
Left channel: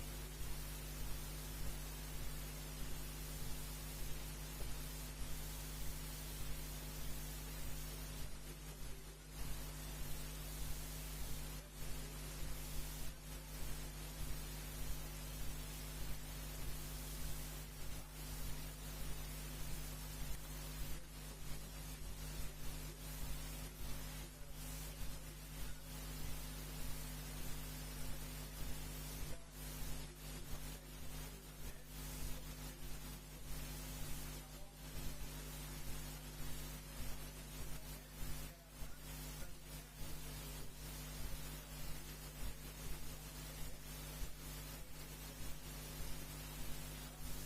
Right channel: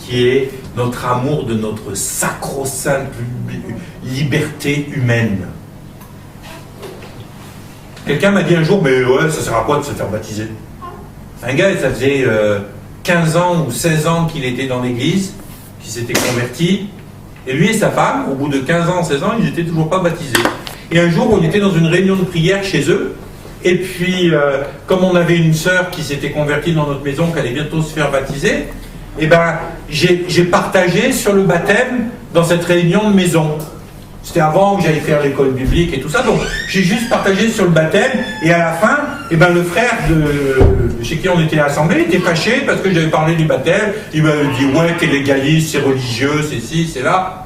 qui est notre amour de notre sacro-sainte liberté humaine. Quelqu'un m'a dit un jour, mais ouais, ça sert à quoi de se faire baptiser? Un gars, ça faisait 15 ans ou 16 ans qu'il était dans l'église, qu'il s'était converti, et lui et sa femme, au bout de 15 ans, 16 ans, ils n'étaient toujours pas baptisés. Et un jour, on était dans une réunion de prière chez eux, et puis, comme on avait une sœur qui s'était convertie dans notre maison, qui allait bientôt se faire baptiser, eh ben, j'ai partagé sur le baptême dans cette réunion de maison. C'était avant que j'aille faire l'école biblique et tout ça, donc j'ai juste partagé sur le baptême, et à la fin, eh ben, le frère chez qui on était assemblés était fâché parce que j'avais parlé du baptême. Il m'avait dit, ouais, t'es légaliste, c'est religieux, c'est ci, c'est là.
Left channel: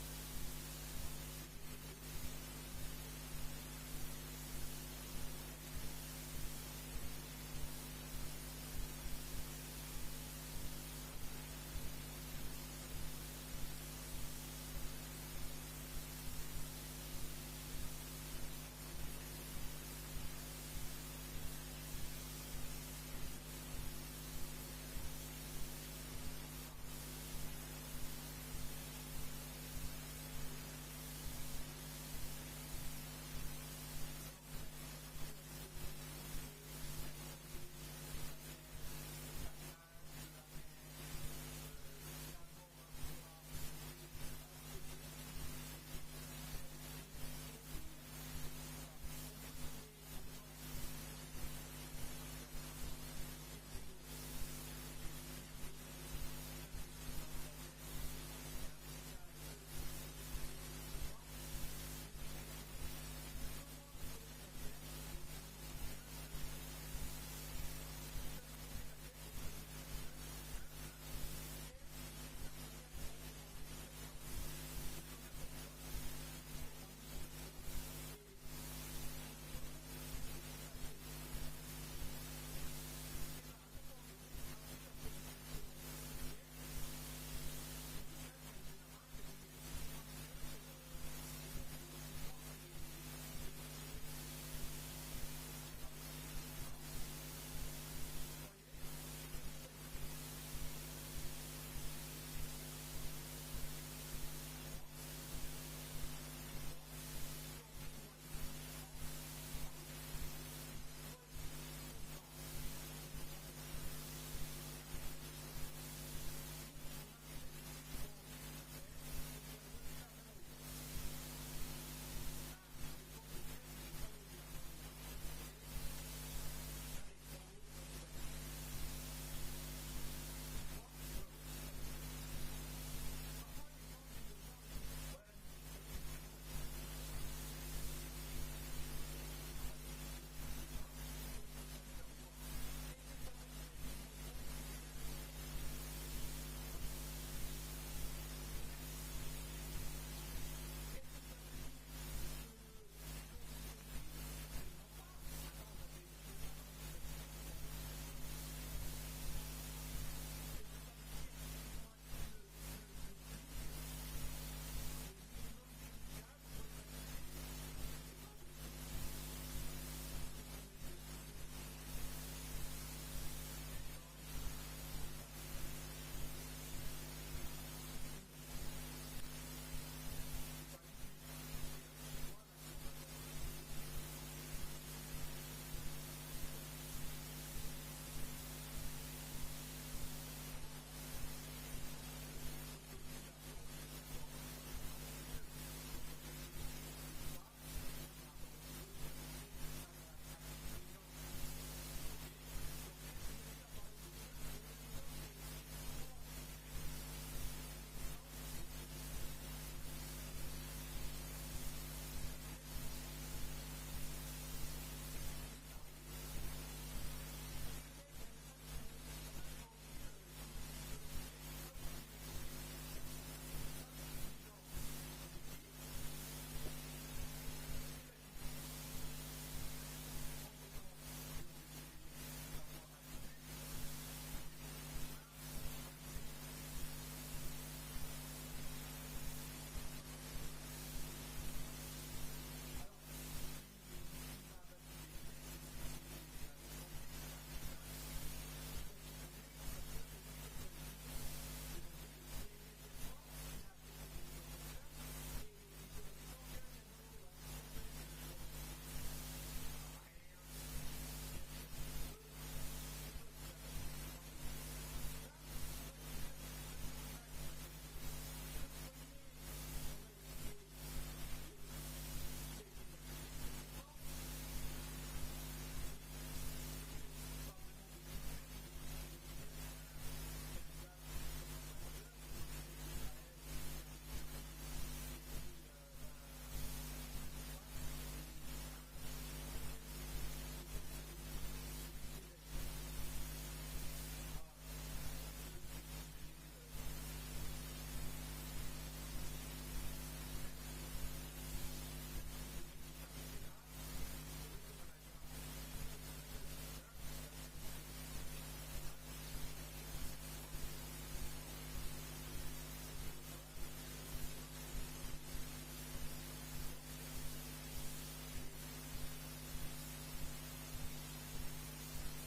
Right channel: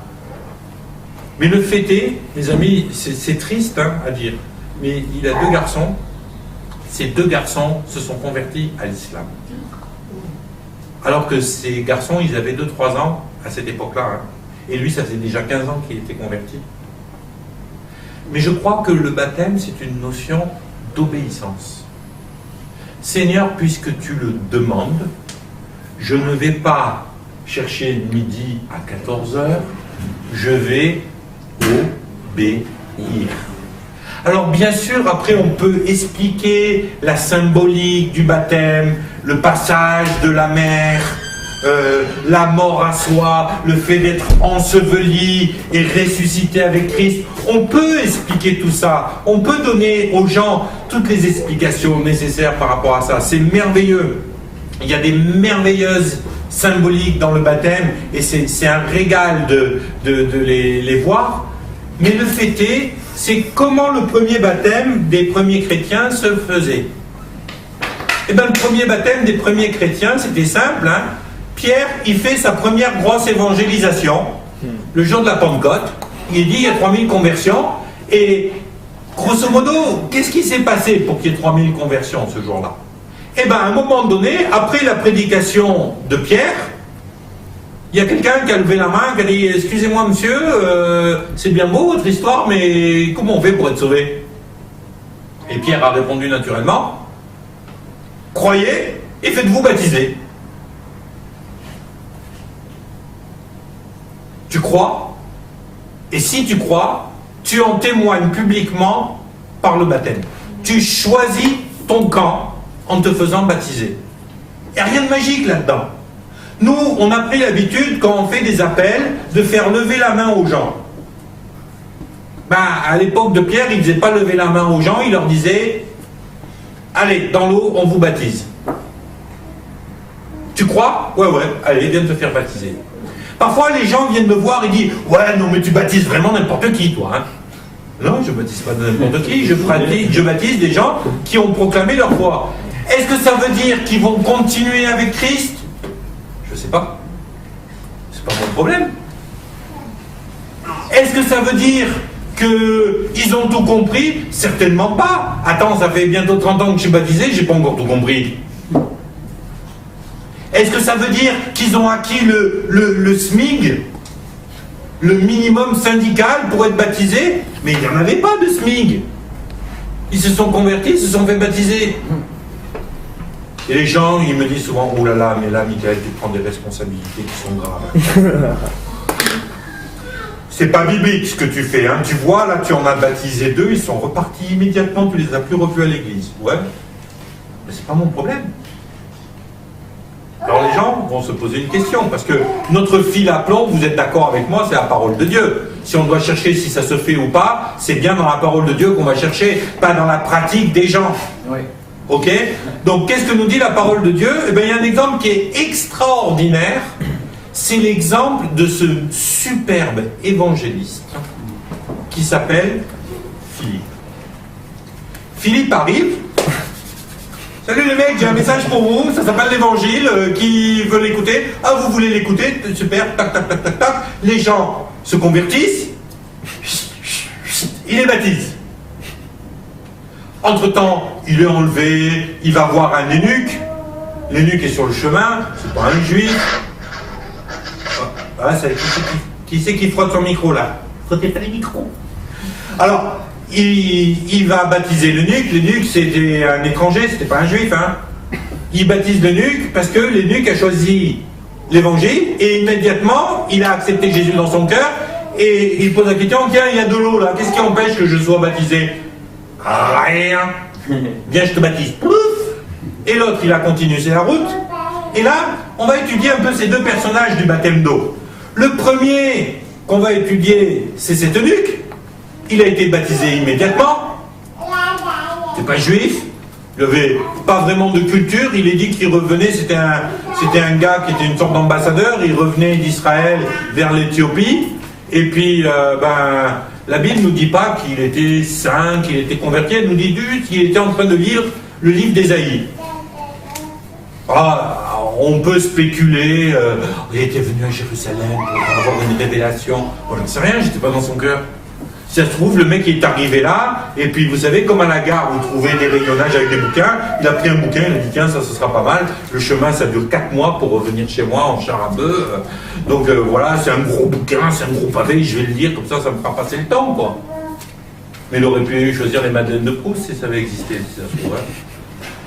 Mais le fait est, mes amis, c'est triste hein, à dire, mais il a 2 garçons. Ces 2 garçons se sont convertis à l'islam. Alors que ces garçons, ils avaient 2-3 ans à cette époque-là. Hein. Et lui, ça faisait déjà 15 ans qu'il était converti. Mais je crois que le baptême, c'est une notion d'obéissance. Seigneur, puisque tu le demandes, je ne vais pas chercher midi à 14 h, je vais obéir. Alors bien sûr, après on peut expliquer la symbolique du baptême, le passage de la mer, la mort à soi, le fait d'être enseveli et ressuscité avec Christ. On peut expliquer tout ça, on peut donner aux gens toutes les explications nécessaires par rapport à ça. C'est merveilleux. Il y a des merveilleuses symboliques dans le baptême et c'est un régal de les voir. Mais le fait est, c'est comment le premier baptême des premiers chrétiens se faisait. Eh bien, le premier baptême des premiers chrétiens, c'était simple. Hein. Pierre, il fait sa première grosse évangélisation, le jour de la Pentecôte. Il dit, il y a 3000 conversions. Et grosso modo, qu'est-ce qui s'est passé pour qu'il y ait 3000 conversions ce jour-là? Eh bien, à un moment donné, après la prédication de Pierre, il y a quelqu'un qui a levé la main, qui a dit « Excusez-moi monsieur, c'est bien beau votre histoire, mais comment on fait pour être sauvé ?» Et Pierre a répondu naturellement « Croyez et faites-vous baptiser. » Tu crois, et si tu crois, tu en témoignes publiquement par le baptême. Tu choisis ton camp en te faisant baptiser. Il n'y a rien de magique là-dedans. Nous, on a pris l'habitude, quand on fait des appels, de faire lever la main aux gens. Ben, à l'époque de Pierre, il ne faisait pas lever la main aux gens, il leur disait « Allez, dans l'eau, on vous baptise. » Tu crois? Ouais, allez, viens te faire baptiser. Parfois, les gens viennent me voir et disent « Ouais, non, mais tu baptises vraiment n'importe qui, toi. Hein. » Non, je ne baptise pas n'importe qui, je baptise des gens qui ont proclamé leur foi. Est-ce que ça veut dire qu'ils vont continuer avec Christ? Je ne sais pas. C'est pas mon problème. Est-ce que ça veut dire qu'ils ont tout compris? Certainement pas. Attends, ça fait bientôt 30 ans que je suis baptisé, j'ai pas encore tout compris. Est-ce que ça veut dire qu'ils ont acquis le SMIG, le minimum syndical pour être baptisés? Mais il n'y en avait pas de SMIG. Ils se sont convertis, ils se sont fait baptiser. Et les gens, ils me disent souvent, oh là là, mais là, Michael, tu prends des responsabilités qui sont graves. C'est pas biblique ce que tu fais, hein. Tu vois, là, tu en as baptisé 2, ils sont repartis immédiatement, tu les as plus revus à l'église. Ouais, mais c'est pas mon problème. Alors les gens vont se poser une question, parce que notre fil à plomb, vous êtes d'accord avec moi, c'est la parole de Dieu. Si on doit chercher si ça se fait ou pas, c'est bien dans la parole de Dieu qu'on va chercher, pas dans la pratique des gens. Oui. Ok? Donc qu'est-ce que nous dit la parole de Dieu? Eh bien, il y a un exemple qui est extraordinaire. C'est l'exemple de ce superbe évangéliste qui s'appelle Philippe. Philippe arrive. Salut les mecs, j'ai un message pour vous, ça s'appelle l'évangile, qui veut l'écouter? Ah, vous voulez l'écouter? Super, tac, tac, tac, tac, tac. Les gens se convertissent, il les baptise. Entre-temps, il est enlevé, il va voir un eunuque. L'eunuque est sur le chemin, c'est pas un juif. Ah, qui c'est qui frotte son micro là? Frottez pas les micros. Alors, il va baptiser l'eunuque. L'eunuque, c'était un étranger, c'était pas un juif. Hein. Il baptise l'eunuque parce que l'eunuque a choisi l'évangile et immédiatement, il a accepté Jésus dans son cœur et il pose la question, tiens, il y a de l'eau là, qu'est-ce qui empêche que je sois baptisé? Rien. Viens, je te baptise. Pouf. Et l'autre, il a continué sa route. Et là, on va étudier un peu ces deux personnages du baptême d'eau. Le premier qu'on va étudier, c'est cet eunuque. Il a été baptisé immédiatement. C'est pas juif. Il n'avait pas vraiment de culture. Il est dit qu'il revenait, c'était un gars qui était une sorte d'ambassadeur. Il revenait d'Israël vers l'Éthiopie. Et puis, la Bible ne nous dit pas qu'il était saint, qu'il était converti. Elle nous dit juste qu'il était en train de lire le livre d'Ésaïe. On peut spéculer, il était venu à Jérusalem pour avoir une révélation. Bon, je ne sais rien, j'étais pas dans son cœur. Si ça se trouve, le mec est arrivé là, et puis vous savez, comme à la gare, vous trouvez des rayonnages avec des bouquins, il a pris un bouquin, il a dit tiens, ça ce sera pas mal. Le chemin, ça dure 4 mois pour revenir chez moi en char à bœuf. Donc voilà, c'est un gros bouquin, c'est un gros pavé, je vais le lire, comme ça me fera passer le temps, quoi. Mais il aurait pu choisir les Madeleines de Proust si ça avait existé, si ça se trouve.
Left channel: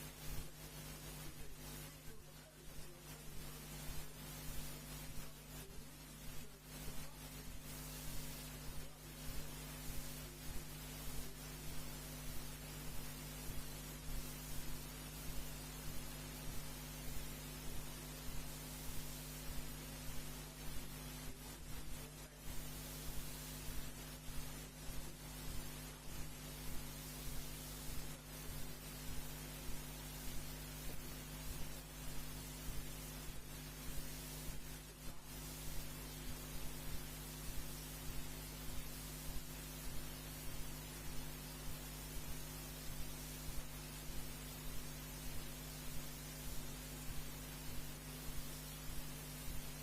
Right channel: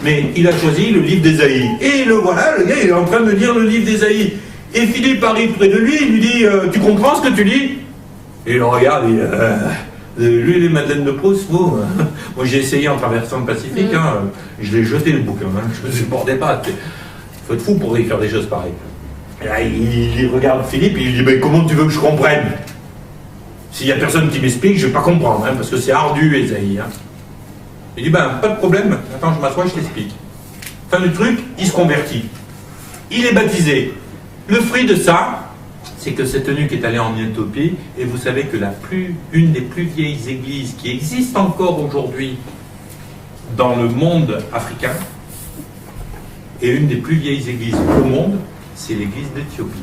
Mais il a choisi le livre d'Ésaïe. Et le voilà, le gars, il est en train de lire le livre d'Ésaïe. Et Philippe arrive près de lui, il lui dit tu comprends ce que tu lis? Et il le regarde, lui, les Madeleines de Proust, vous, moi j'ai essayé en traversant le Pacifique, hein, je l'ai jeté le bouquin, hein, je ne le supportais pas. Il faut être fou pour écrire des choses pareilles. Et là, il regarde Philippe, il lui dit comment tu veux que je comprenne? S'il n'y a personne qui m'explique, je ne vais pas comprendre, hein, parce que c'est ardu, Ésaïe. Hein. Il dit pas de problème, attends, je m'assois, je t'explique. Fin du truc, il se convertit. Il est baptisé. Le fruit de ça, c'est que cet eunuque est allé en Éthiopie, et vous savez que une des plus vieilles églises qui existent encore aujourd'hui dans le monde africain, et une des plus vieilles églises au monde, c'est l'église d'Éthiopie.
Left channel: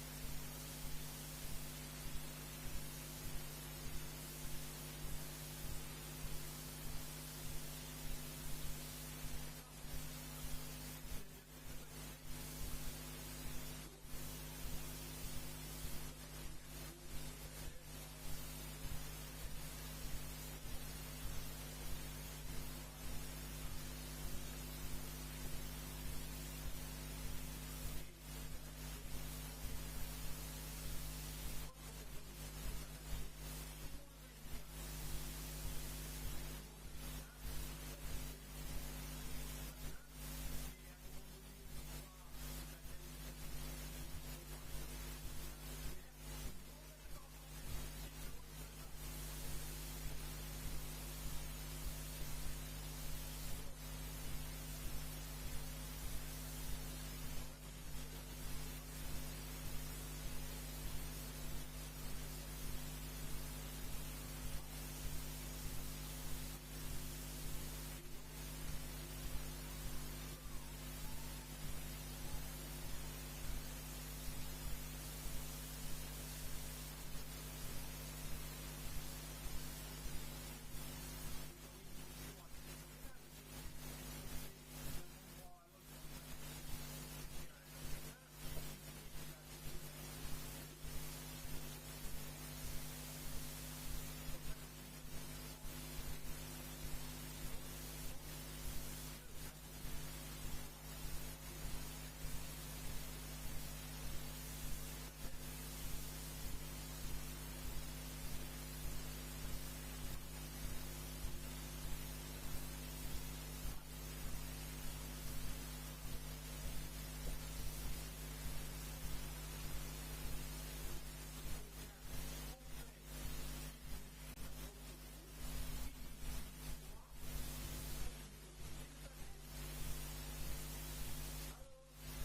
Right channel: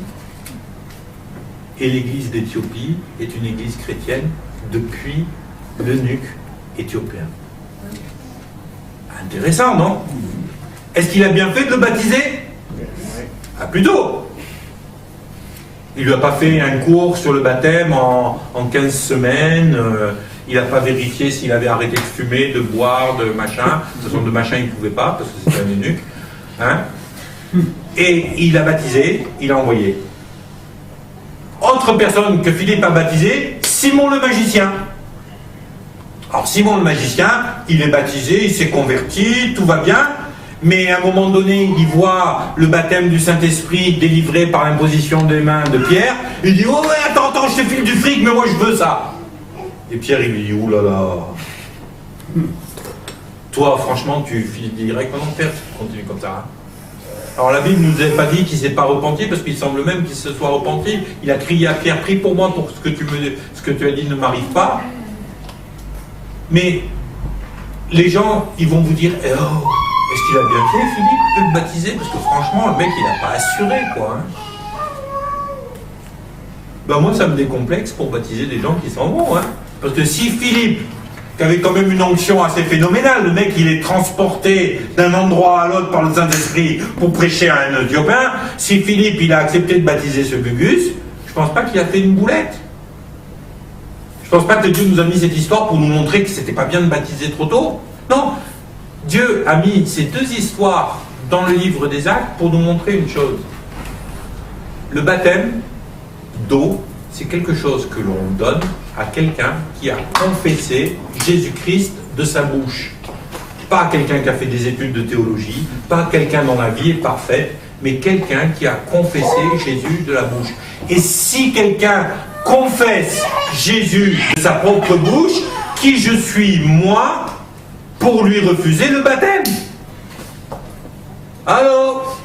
Et l'église d'Éthiopie est une église chrétienne depuis l'eunuque éthiopien. Intéressant, non? Est-ce qu'il a bien fait de le baptiser? Ah, plutôt. Il lui a pas fait un cours sur le baptême en 15 semaines, il n'a pas vérifié s'il avait arrêté de fumer, de boire, de machin. De toute façon, de machin, il ne pouvait pas, parce que c'était un eunuque. Hein? Et il a baptisé, il a envoyé. Autre personne que Philippe a baptisé, Simon le magicien. Alors Simon le magicien, il est baptisé, il s'est converti, tout va bien. Mais à un moment donné, il voit le baptême du Saint-Esprit délivré par l'imposition des mains de Pierre. Il dit, oh ouais, attends, je te file du fric, mais moi je veux ça. Et Pierre, il lui dit, oulala. Toi, franchement, tu files direct en enfer si tu continues comme ça. Hein. Alors la Bible ne nous a pas dit qu'il ne s'est pas repenti, parce qu'il semble même qu'il se soit repenti. Il a crié à Pierre, prie pour moi pour ce que tu as dit ne m'arrive pas. Mais les gens, ils vont vous dire, oh, est-ce qu'il a bien fait, Philippe, de le baptiser? Parce que franchement, le mec, il n'a pas assuré, quoi. Hein. Ben moi, ça me décomplexe pour baptiser des gens qui s'en vont. Hein. Parce que si Philippe, qui avait quand même une onction assez phénoménale, le mec, il est transporté d'un endroit à l'autre par le Saint-Esprit pour prêcher à un Éthiopien, si Philippe, il a accepté de baptiser ce Gugus, je pense pas qu'il a fait une boulette. Je pense pas que Dieu nous a mis cette histoire pour nous montrer que c'était pas bien de baptiser trop tôt. Non. Dieu a mis ces deux histoires dans le livre des Actes pour nous montrer une chose. Le baptême d'eau, c'est quelque chose que l'on donne à quelqu'un qui a confessé Jésus-Christ de sa bouche. Pas quelqu'un qui a fait des études de théologie, pas quelqu'un dont la vie est parfaite, mais quelqu'un qui a confessé Jésus de la bouche. Et si quelqu'un confesse Jésus de sa propre bouche, qui je suis, moi, pour lui refuser le baptême? Alors,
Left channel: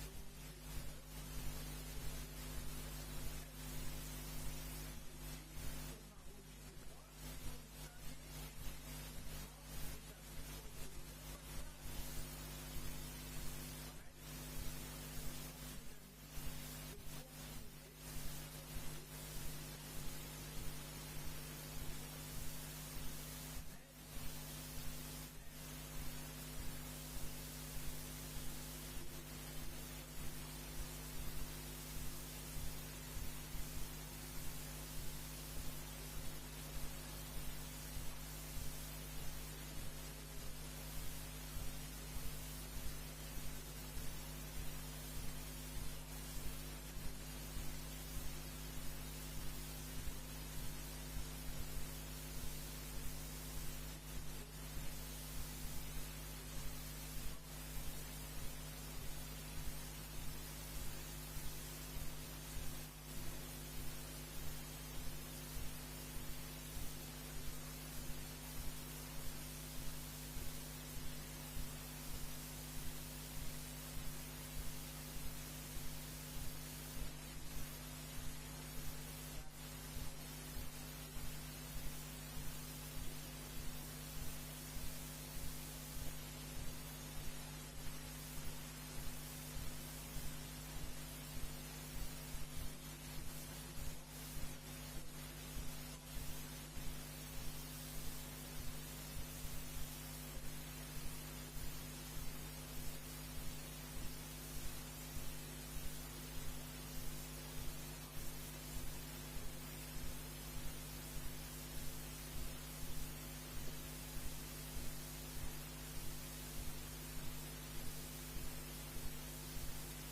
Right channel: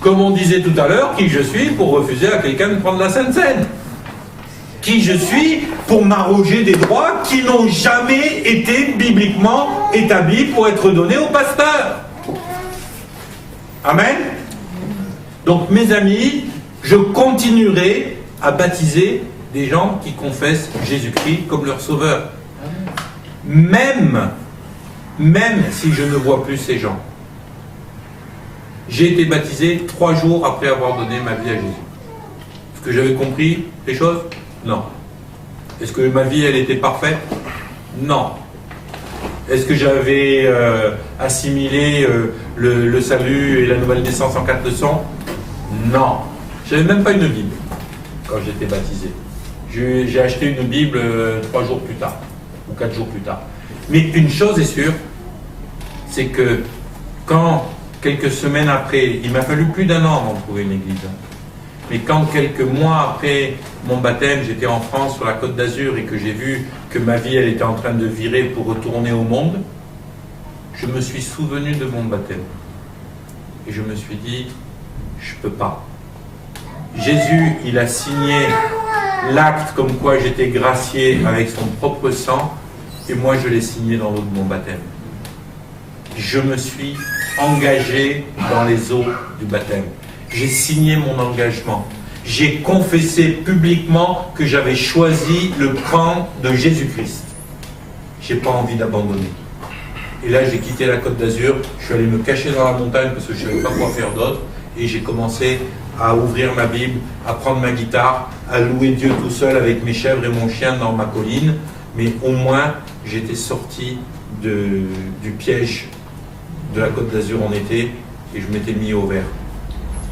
comme on disait tout à l'heure, qui je suis pour refuser à quelqu'un de prendre la Sainte Seine? Qui je suis pour m'arroger des droits qui n'ont jamais été bibliquement établis pour être donnés au pasteur? Amen. Donc mes amis, je continuerai à baptiser des gens qui confessent Jésus-Christ comme leur sauveur. Même si je ne vois plus ces gens. J'ai été baptisé 3 jours après avoir donné ma vie à Jésus. Est-ce que j'avais compris les choses? Non. Est-ce que ma vie, elle était parfaite? Non. Est-ce que j'avais assimilé le salut et la nouvelle naissance en 4 leçons? Non. J'avais même pas une Bible quand j'étais baptisé. J'ai acheté une Bible 3 jours plus tard, ou 4 jours plus tard. Mais une chose est sûre, c'est que quand, quelques semaines après, il m'a fallu plus d'1 an avant de trouver une église, mais quand quelques mois après mon baptême, j'étais en France sur la Côte d'Azur et que j'ai vu que ma vie elle était en train de virer pour retourner au monde, je me suis souvenu de mon baptême. Et je me suis dit, je ne peux pas. Jésus, il a signé l'acte comme quoi j'étais gracié avec son propre sang, et moi je l'ai signé dans l'eau de mon baptême. Je me suis engagé dans les eaux du baptême. J'ai signé mon engagement. J'ai confessé publiquement que j'avais choisi le camp de Jésus-Christ. Je n'ai pas envie d'abandonner. Et là, j'ai quitté la Côte d'Azur, je suis allé me cacher dans la montagne parce que je ne savais pas quoi faire d'autre, et j'ai commencé à ouvrir ma Bible, à prendre ma guitare, à louer Dieu tout seul avec mes chèvres et mon chien dans ma colline, mais au moins, j'étais sorti du piège de la Côte d'Azur en été, et je m'étais mis au vert.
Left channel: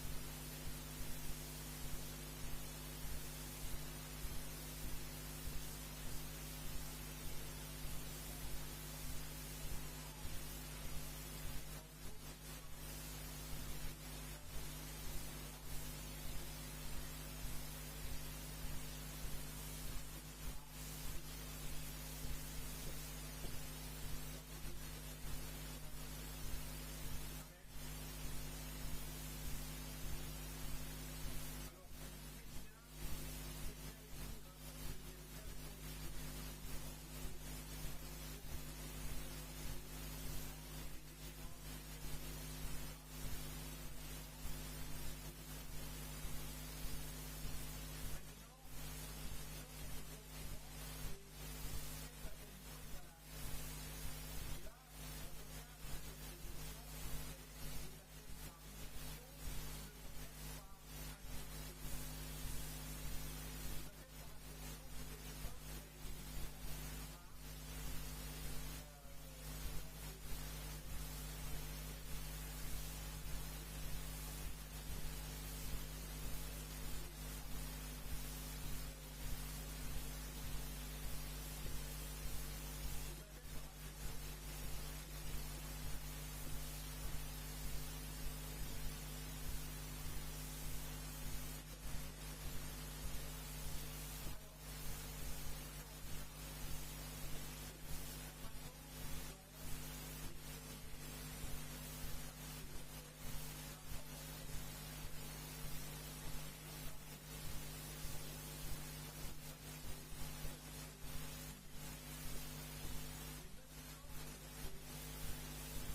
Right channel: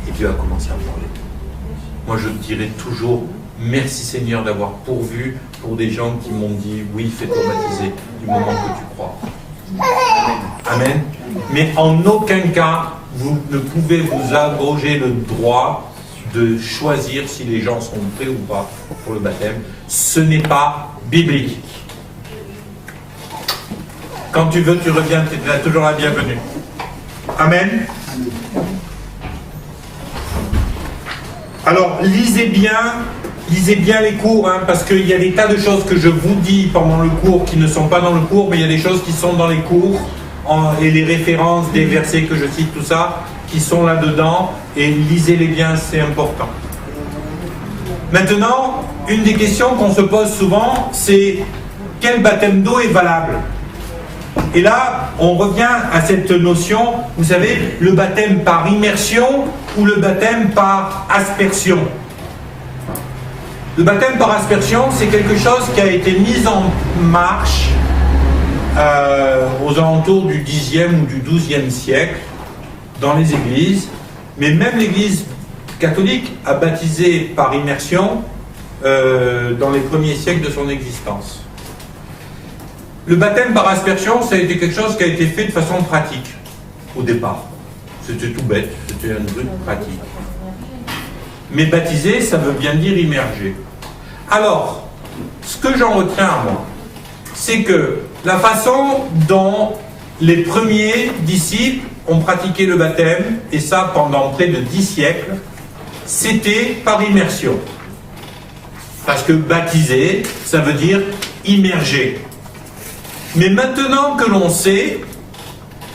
Et Dieu a commencé à me parler. Moi, je dirai toujours merci Seigneur d'avoir pourvu pour des gens qui m'ont dit oui, fais-toi baptiser du moment que tu crois. Amen. Mais en aucun cas, vous ne pouvez vous abroger le droit de choisir si les gens sont prêts ou pas pour le baptême. Ce n'est pas biblique. Quand tu veux, tu reviens, tu es toujours la bienvenue. Amen. Alors, lisez bien les cours, hein, parce qu'il y a des tas de choses que je vous dis pendant le cours qui ne sont pas dans le cours, mais il y a des choses qui sont dans les cours, et les références des versets que je cite, tout ça, qui sont là-dedans, et lisez-les bien, c'est important. Maintenant, une des questions qu'on se pose souvent, c'est quel baptême d'eau est valable? Et là, on revient à cette notion, vous savez, le baptême par immersion ou le baptême par aspersion. Le baptême par aspersion, c'est quelque chose qui a été mis en marche aux alentours du Xe ou du XIIe siècle dans les églises, mais même l'Église catholique a baptisé par immersion dans les premiers siècles de son existence. Le baptême par aspersion, ça a été quelque chose qui a été fait de façon pratique, au départ. C'était tout bête, c'était un truc pratique. Mais baptiser, ça veut bien dire immerger. Alors, ce que j'en retiens à moi, c'est que la façon dont les premiers disciples ont pratiqué le baptême, et ça pendant près de 10 siècles, c'était par immersion. Parce que baptiser, ça veut dire immerger. Mais maintenant que l'on sait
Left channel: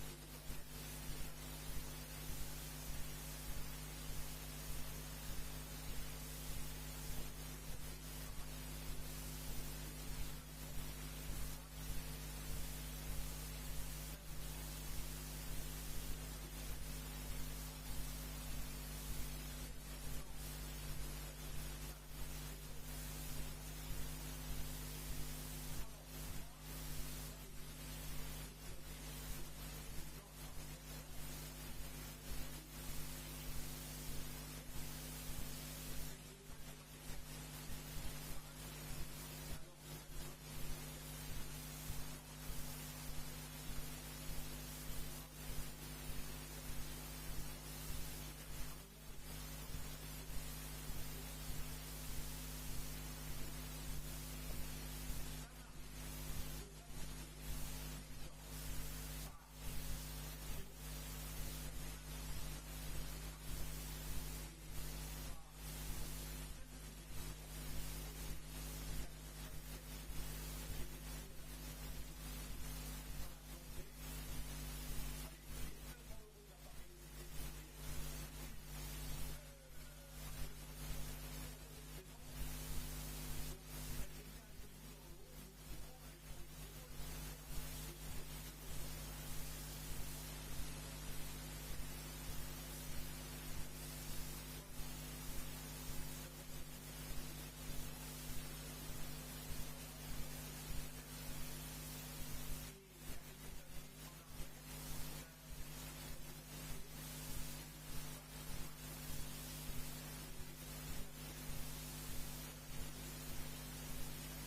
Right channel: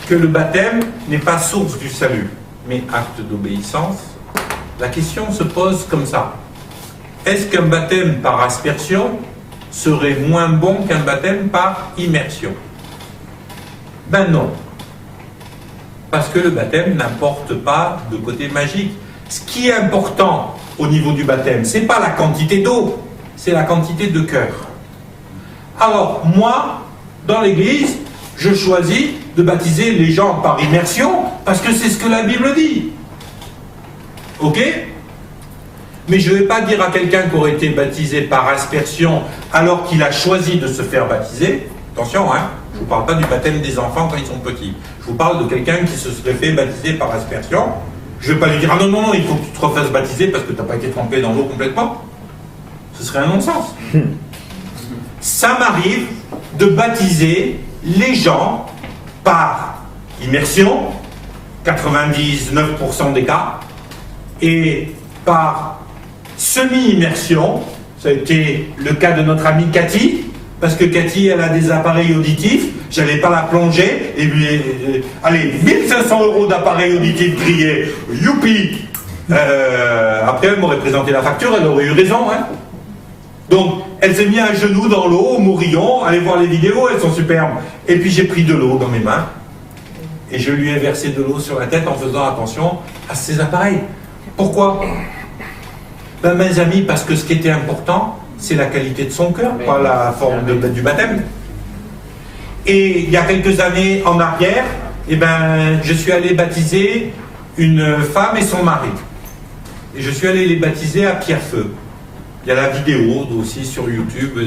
que le baptême n'est pas source du salut, mais acte d'obéissance, la question se pose comme ça. Est-ce qu'un baptême par aspersion serait moins bon qu'un baptême par immersion? Ben non. Parce que le baptême n'apporte pas de côté magique. Ce qui est important au niveau du baptême, ce n'est pas la quantité d'eau, c'est la quantité de cœur. Alors, moi, dans l'église, je choisis de baptiser les gens par immersion parce que c'est ce que la Bible dit. Ok? Mais je ne vais pas dire à quelqu'un qui aurait été baptisé par aspersion alors qu'il a choisi de se faire baptiser. Attention, hein, je ne vous parle pas du baptême des enfants quand ils sont petits. Je vous parle de quelqu'un qui se serait fait baptiser par aspersion. Je ne vais pas lui dire, ah non, non, non, il faut que tu te refasses baptiser parce que tu n'as pas été trempé dans l'eau complètement. Ce serait un non-sens. Ça m'arrive de baptiser les gens par immersion, 99% des cas, et par semi-immersion, ça a été le cas de notre amie Cathy, parce que Cathy, elle a des appareils auditifs, j'allais pas la plonger, et puis, allez, 1500 € d'appareils auditifs grillés, youpi. Après, elle m'aurait présenté la facture, elle aurait eu raison, hein. Donc, elle s'est mise à genoux dans l'eau, au Mourillon, allez voir les vidéos, elles sont superbes. Et puis j'ai pris de l'eau dans mes mains, et je lui ai versé de l'eau sur la tête en faisant attention à ses appareils. Pourquoi? Ben, mes amis, parce que ce qui était important, c'est la qualité de son cœur, pas la forme du baptême. Et il y a quelques années en arrière, eh ben, je suis allé baptiser une femme et son mari. Et je suis allé les baptiser à Pierrefeu. Il y a la vidéo aussi sur YouTube,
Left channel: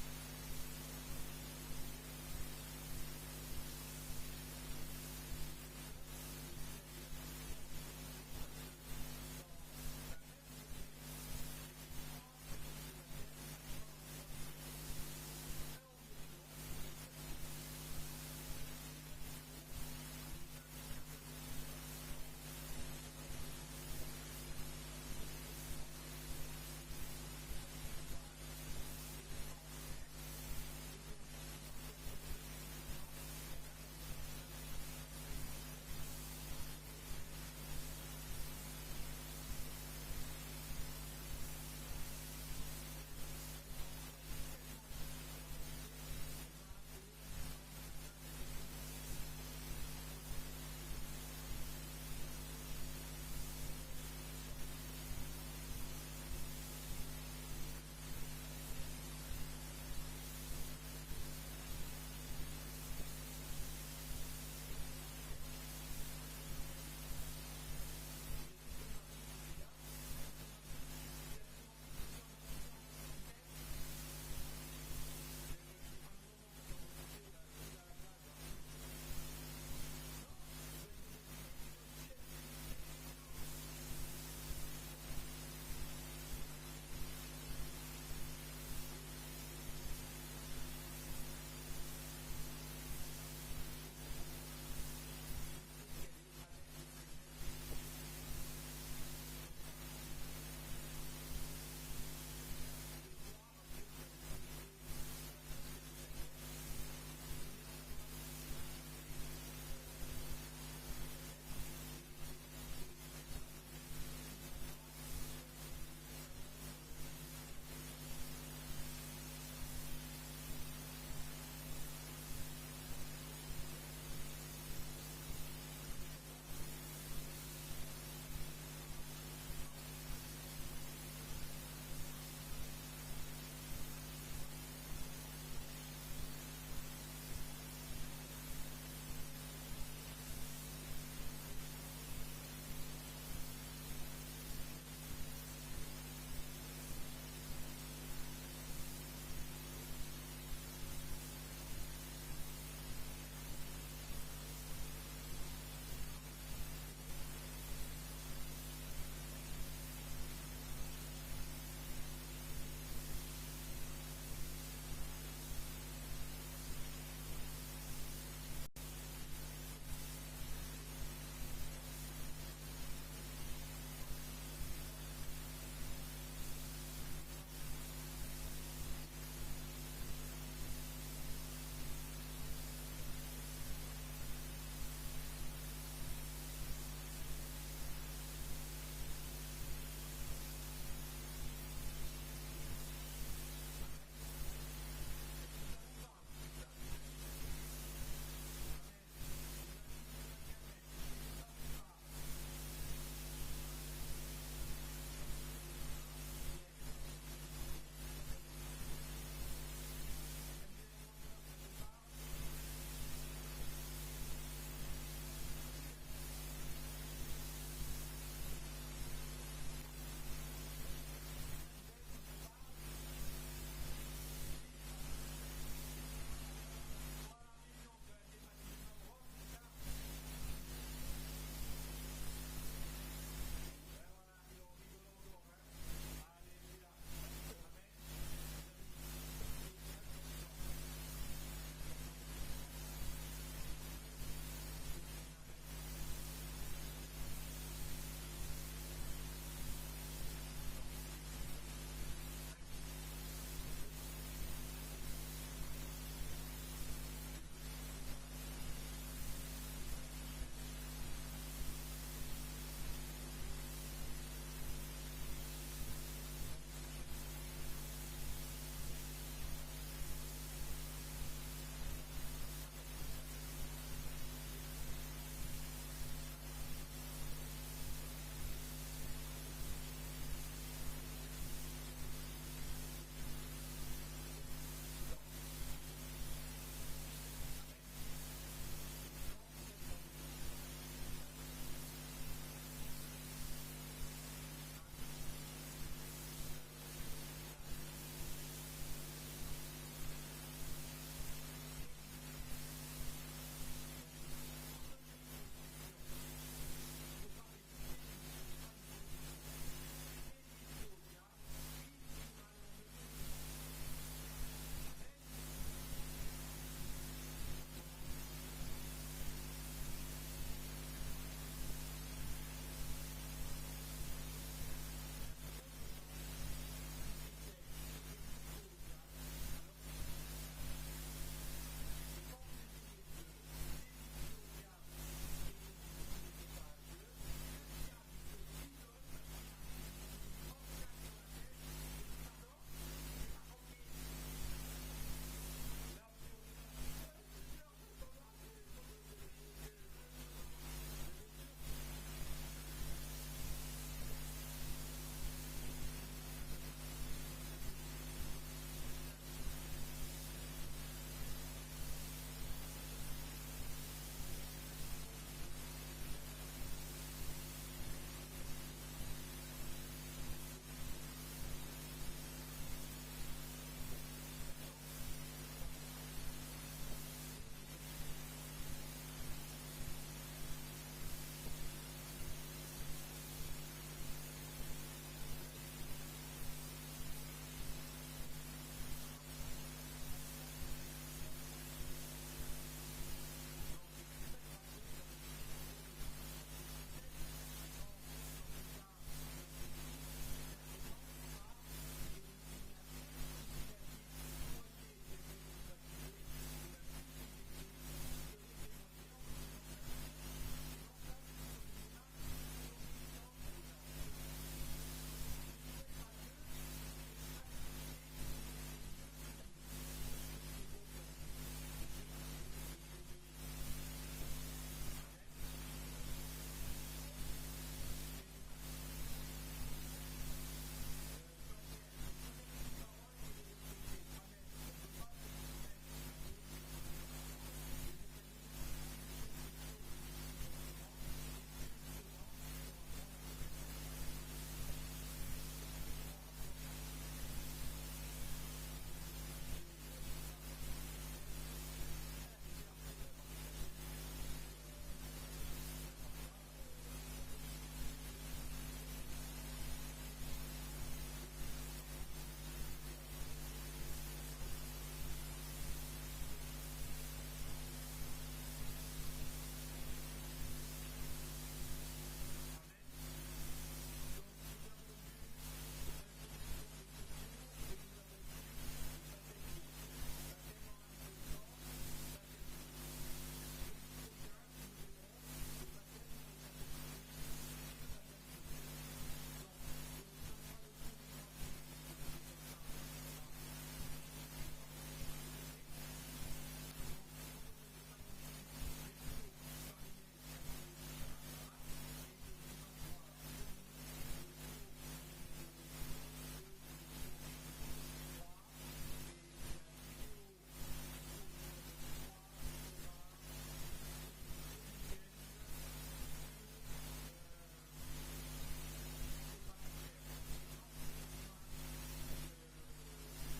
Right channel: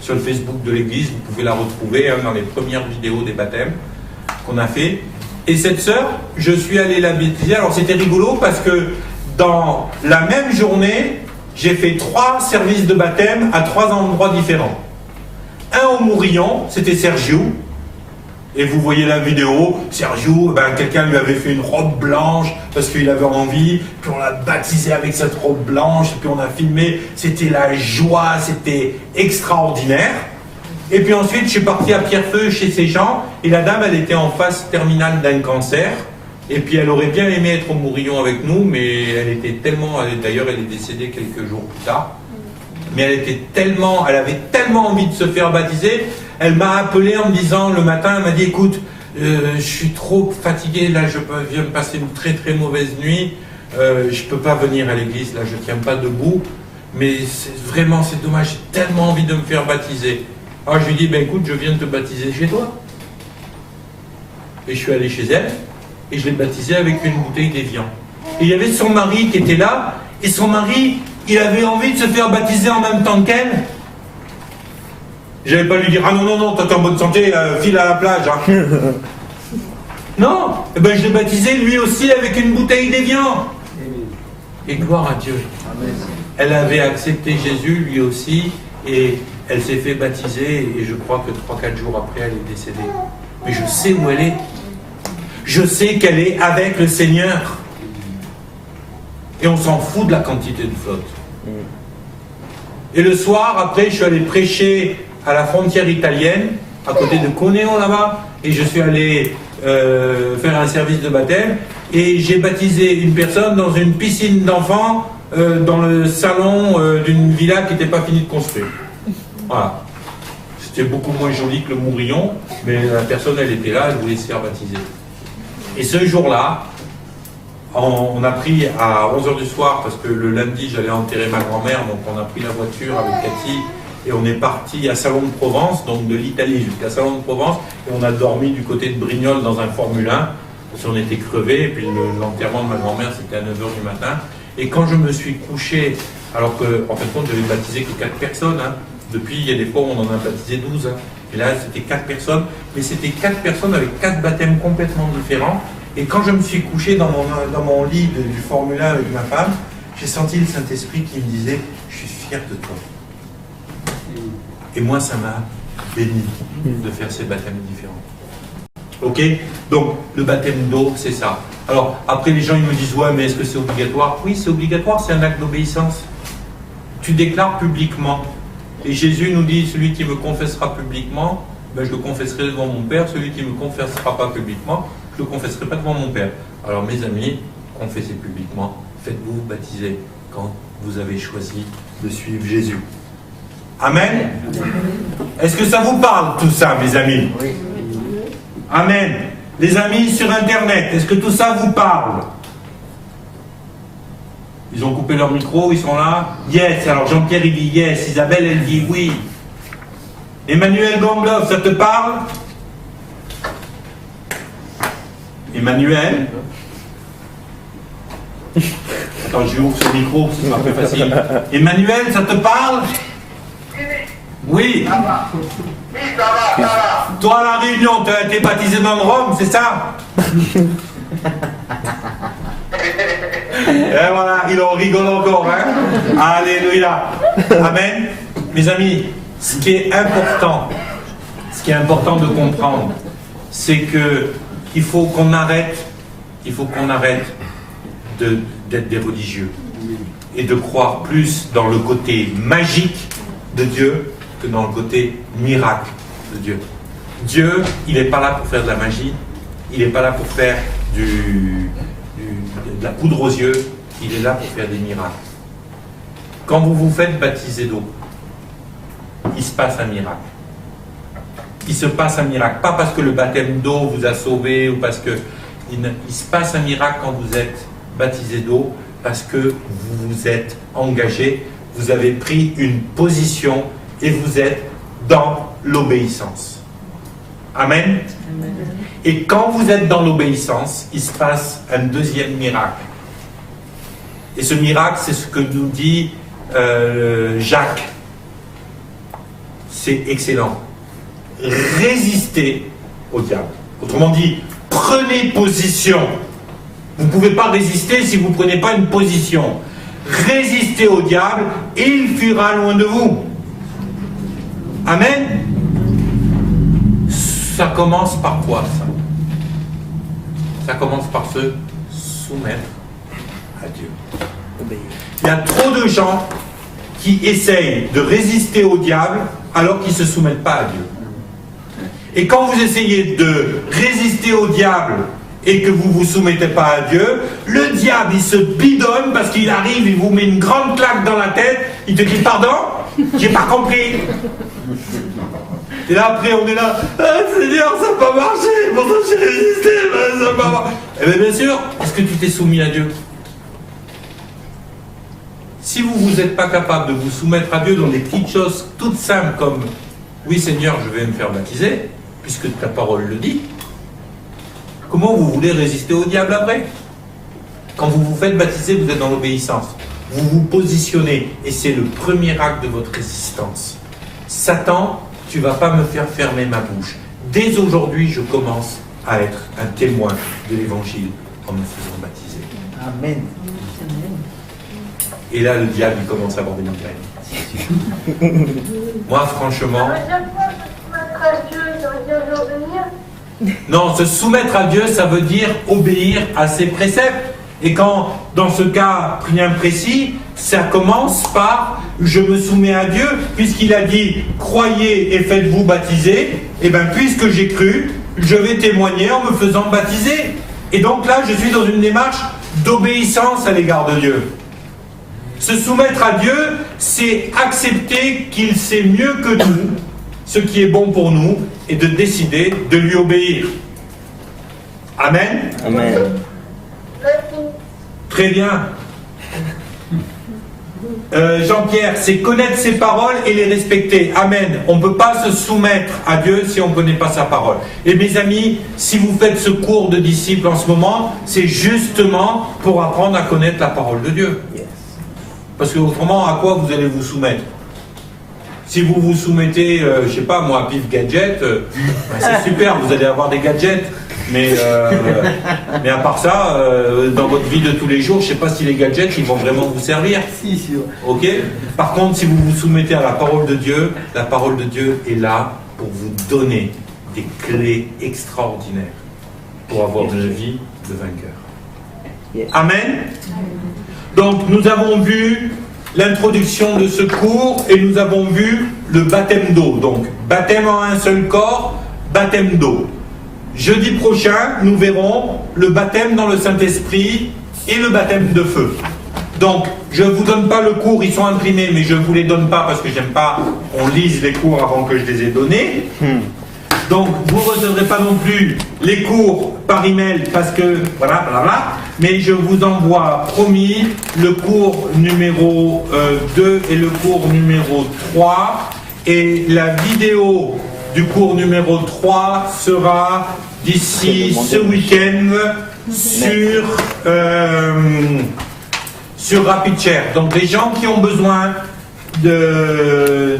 sur le Facebook de l'église, vous pouvez la retrouver dans les premières vidéos des baptêmes qu'on a fait. Et cette sœur, je suis allé la baptiser. Alors c'était rigolo parce que dans la même journée, j'ai fait 3 services de baptême à 3 endroits différents. Un au Mourillon, c'était Sergio. Et vous voyez la vidéo, Sergio, ben, quelqu'un lui avait fait une robe blanche parce qu'il avait envie, puis on l'a baptisé avec cette robe blanche, puis on a filmé, c'était la joie, c'était extraordinaire. Et puis ensuite, je suis parti à Pierrefeu chez ces gens, et la dame, elle était en phase terminale d'un cancer, et puis elle aurait bien aimé être au Mourillon avec nous, mais elle était tellement, d'ailleurs elle est décédée quelques jours plus tard, mais elle avait tellement envie de se faire baptiser. Elle m'a appelé en me disant le matin, elle m'a dit écoute, je suis trop fatigué, là je viens de passer une très très mauvaise nuit, je ne peux pas venir à l'église, là je ne tiens pas debout, mais vraiment c'est dommage, j'ai tellement envie de me faire baptiser. Alors je lui ai dit ben écoute, je viens de te baptiser chez toi. Et je suis allé chez elle, et je l'ai baptisée avec une bouteille d'Évian. Et il y avait son mari qui était là, et son mari, il avait envie de se faire baptiser en même temps qu'elle. Je n'allais pas lui dire, ah non, non, non, toi t'es en bonne santé, file à la plage. Hein. Non, eh ben, je l'ai baptisé lui aussi avec une bouteille d'Évian. Et gloire à Dieu. Amen. Elle avait accepté Jésus lui aussi, et elle s'est fait baptiser, et je crois que 3-4 jours après, elle est décédée. Mais je sais où elle est. Je sais qu'elle est avec le Seigneur. Et on s'en fout de la quantité de flotte. Et le soir, après, je suis allé prêcher à la frontière italienne, à côté de Cuneo là-bas, et je suis allé faire un service de baptême, et j'ai baptisé une personne dans une piscine d'enfants, dans le salon d'une villa qui n'était pas finie de construire. Voilà. C'était beaucoup moins joli que le Mourillon, mais la personne, elle était là, elle voulait se faire baptiser. Et ce jour-là, on a pris à 11h du soir, parce que le lundi, j'allais enterrer ma grand-mère, donc on a pris la voiture avec Cathy, et on est parti à Salon de Provence, donc de l'Italie jusqu'à Salon de Provence, et on a dormi du côté de Brignoles dans un Formule 1, parce qu'on était crevés, et puis l'enterrement de ma grand-mère, c'était à 9h du matin. Et quand je me suis couché, alors qu'en fin de compte, je n'avais baptisé que 4 personnes, hein. Depuis, il y a des fois où on en a baptisé 12, hein. Et là, c'était 4 personnes, mais c'était 4 personnes avec 4 baptêmes complètement différents. Et quand je me suis couché dans mon lit du Formule 1 avec ma femme, j'ai senti le Saint-Esprit qui me disait « Je suis fier de toi ». Et moi, ça m'a béni de faire ces baptêmes différents. Ok? Donc, le baptême d'eau, c'est ça. Alors, après, les gens, ils me disent « Ouais, mais est-ce que c'est obligatoire ?» Oui, c'est obligatoire, c'est un acte d'obéissance. Tu déclares publiquement. Et Jésus nous dit « Celui qui me confessera publiquement, ben, je le confesserai devant mon Père. Celui qui ne me confessera pas publiquement, je ne le confesserai pas devant mon Père. » Alors, mes amis, confessez publiquement. Faites-vous baptiser quand vous avez choisi de suivre Jésus. Amen. Est-ce que ça vous parle tout ça, mes amis? Oui. Amen. Les amis sur Internet, est-ce que tout ça vous parle? Ils ont coupé leur micro, ils sont là? Yes. Alors Jean-Pierre il dit yes, Isabelle elle dit oui. Emmanuel Gangloff, ça te parle? Emmanuel? Attends, je ouvre ce micro, ce sera plus facile. Emmanuel, ça te parle? Oui. Ça va. Oui, ça va, ça va. Toi, à la Réunion, tu as été baptisé dans le Rhum, c'est ça? Et voilà, il en rigole encore, hein? Alléluia. Amen. Mes amis, ce qui est important de comprendre, c'est que il faut qu'on arrête d'être des religieux et de croire plus dans le côté magique de Dieu que dans le côté miracle de Dieu. Dieu, il n'est pas là pour faire de la magie, il n'est pas là pour faire de la poudre aux yeux, il est là pour faire des miracles. Quand vous vous faites baptiser d'eau, il se passe un miracle. Il se passe un miracle, pas parce que le baptême d'eau vous a sauvé ou parce que il se passe un miracle quand vous êtes baptisé d'eau, parce que vous vous êtes engagé vous avez pris une position et vous êtes dans l'obéissance. Amen. Et quand vous êtes dans l'obéissance, il se passe un deuxième miracle. Et ce miracle, c'est ce que nous dit Jacques. C'est excellent. Résistez au diable. Autrement dit, prenez position. Vous ne pouvez pas résister si vous ne prenez pas une position. Résistez au diable et il fuira loin de vous. Amen. Ça commence par quoi, ça? Ça commence par se soumettre à Dieu. Il y a trop de gens qui essayent de résister au diable alors qu'ils ne se soumettent pas à Dieu. Et quand vous essayez de résister au diable et que vous ne vous soumettez pas à Dieu, le diable il se bidonne parce qu'il arrive, il vous met une grande claque dans la tête, il te dit pardon, j'ai pas compris. Et là après on est là, ah, Seigneur ça n'a pas marché, pourtant j'ai résisté, mais ça n'a pas marché. Eh bien bien sûr, est-ce que tu t'es soumis à Dieu? Si vous n'êtes pas capable de vous soumettre à Dieu dans des petites choses toutes simples comme oui Seigneur je vais me faire baptiser, puisque ta parole le dit, comment vous voulez résister au diable après? Quand vous vous faites baptiser, vous êtes dans l'obéissance. Vous vous positionnez et c'est le premier acte de votre résistance. Satan, tu ne vas pas me faire fermer ma bouche. Dès aujourd'hui, je commence à être un témoin de l'évangile en me faisant baptiser. Amen. Et là, le diable, il commence à avoir des migraines. Moi, franchement... Non, se soumettre à Dieu, ça veut dire obéir à ses préceptes. Et quand, dans ce cas bien précis, ça commence par « je me soumets à Dieu », puisqu'il a dit « croyez et faites-vous baptiser », et bien puisque j'ai cru, je vais témoigner en me faisant baptiser. Et donc là, je suis dans une démarche d'obéissance à l'égard de Dieu. Se soumettre à Dieu, c'est accepter qu'il sait mieux que nous ce qui est bon pour nous et de décider de lui obéir. Amen. Amen. Très bien. Jean-Pierre, c'est connaître ses paroles et les respecter. Amen. On ne peut pas se soumettre à Dieu si on ne connaît pas sa parole. Et mes amis, si vous faites ce cours de disciples en ce moment, c'est justement pour apprendre à connaître la parole de Dieu. Parce que autrement, à quoi vous allez vous soumettre? Si vous vous soumettez, je ne sais pas moi, à Pif Gadget, c'est super, vous allez avoir des gadgets. Mais à part ça, dans votre vie de tous les jours, je ne sais pas si les gadgets ils vont vraiment vous servir. Si, sûr. Ok. Par contre, si vous vous soumettez à la parole de Dieu, la parole de Dieu est là pour vous donner des clés extraordinaires pour avoir une vie de vainqueur. Amen. Donc, nous avons vu l'introduction de ce cours et nous avons vu le baptême d'eau. Donc, baptême en un seul corps, baptême d'eau. Jeudi prochain, nous verrons le baptême dans le Saint-Esprit et le baptême de feu. Donc, je ne vous donne pas le cours, ils sont imprimés, mais je ne vous les donne pas parce que j'aime pas qu'on lise les cours avant que je les ai donnés. Donc, vous ne recevrez pas non plus les cours par email parce que, voilà, blablabla. Mais je vous envoie, promis, le cours numéro 2 et le cours numéro 3. Et la vidéo du cours numéro 3 sera d'ici ce week-end sur RapidShare. Donc les gens qui ont besoin des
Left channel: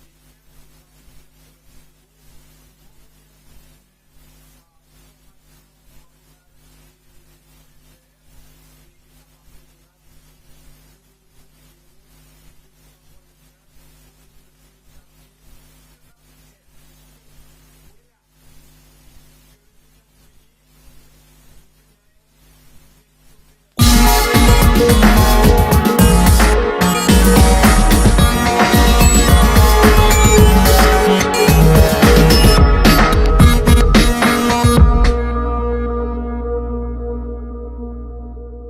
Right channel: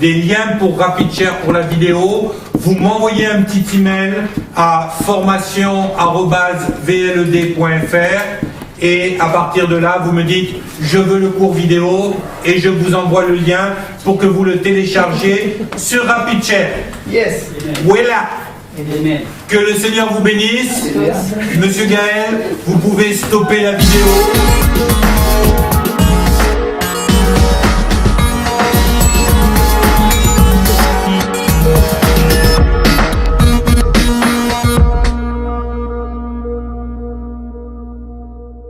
liens pour RapidShare pour la vidéo, vous m'envoyez un petit email à formation@vled.fr et à partir de là, vous me dites je veux le cours vidéo et je vous envoie le lien pour que vous le téléchargez sur RapidShare. Yes. Voilà. Amen. Que le Seigneur vous bénisse. Monsieur Gaël, vous pouvez stopper la vidéo.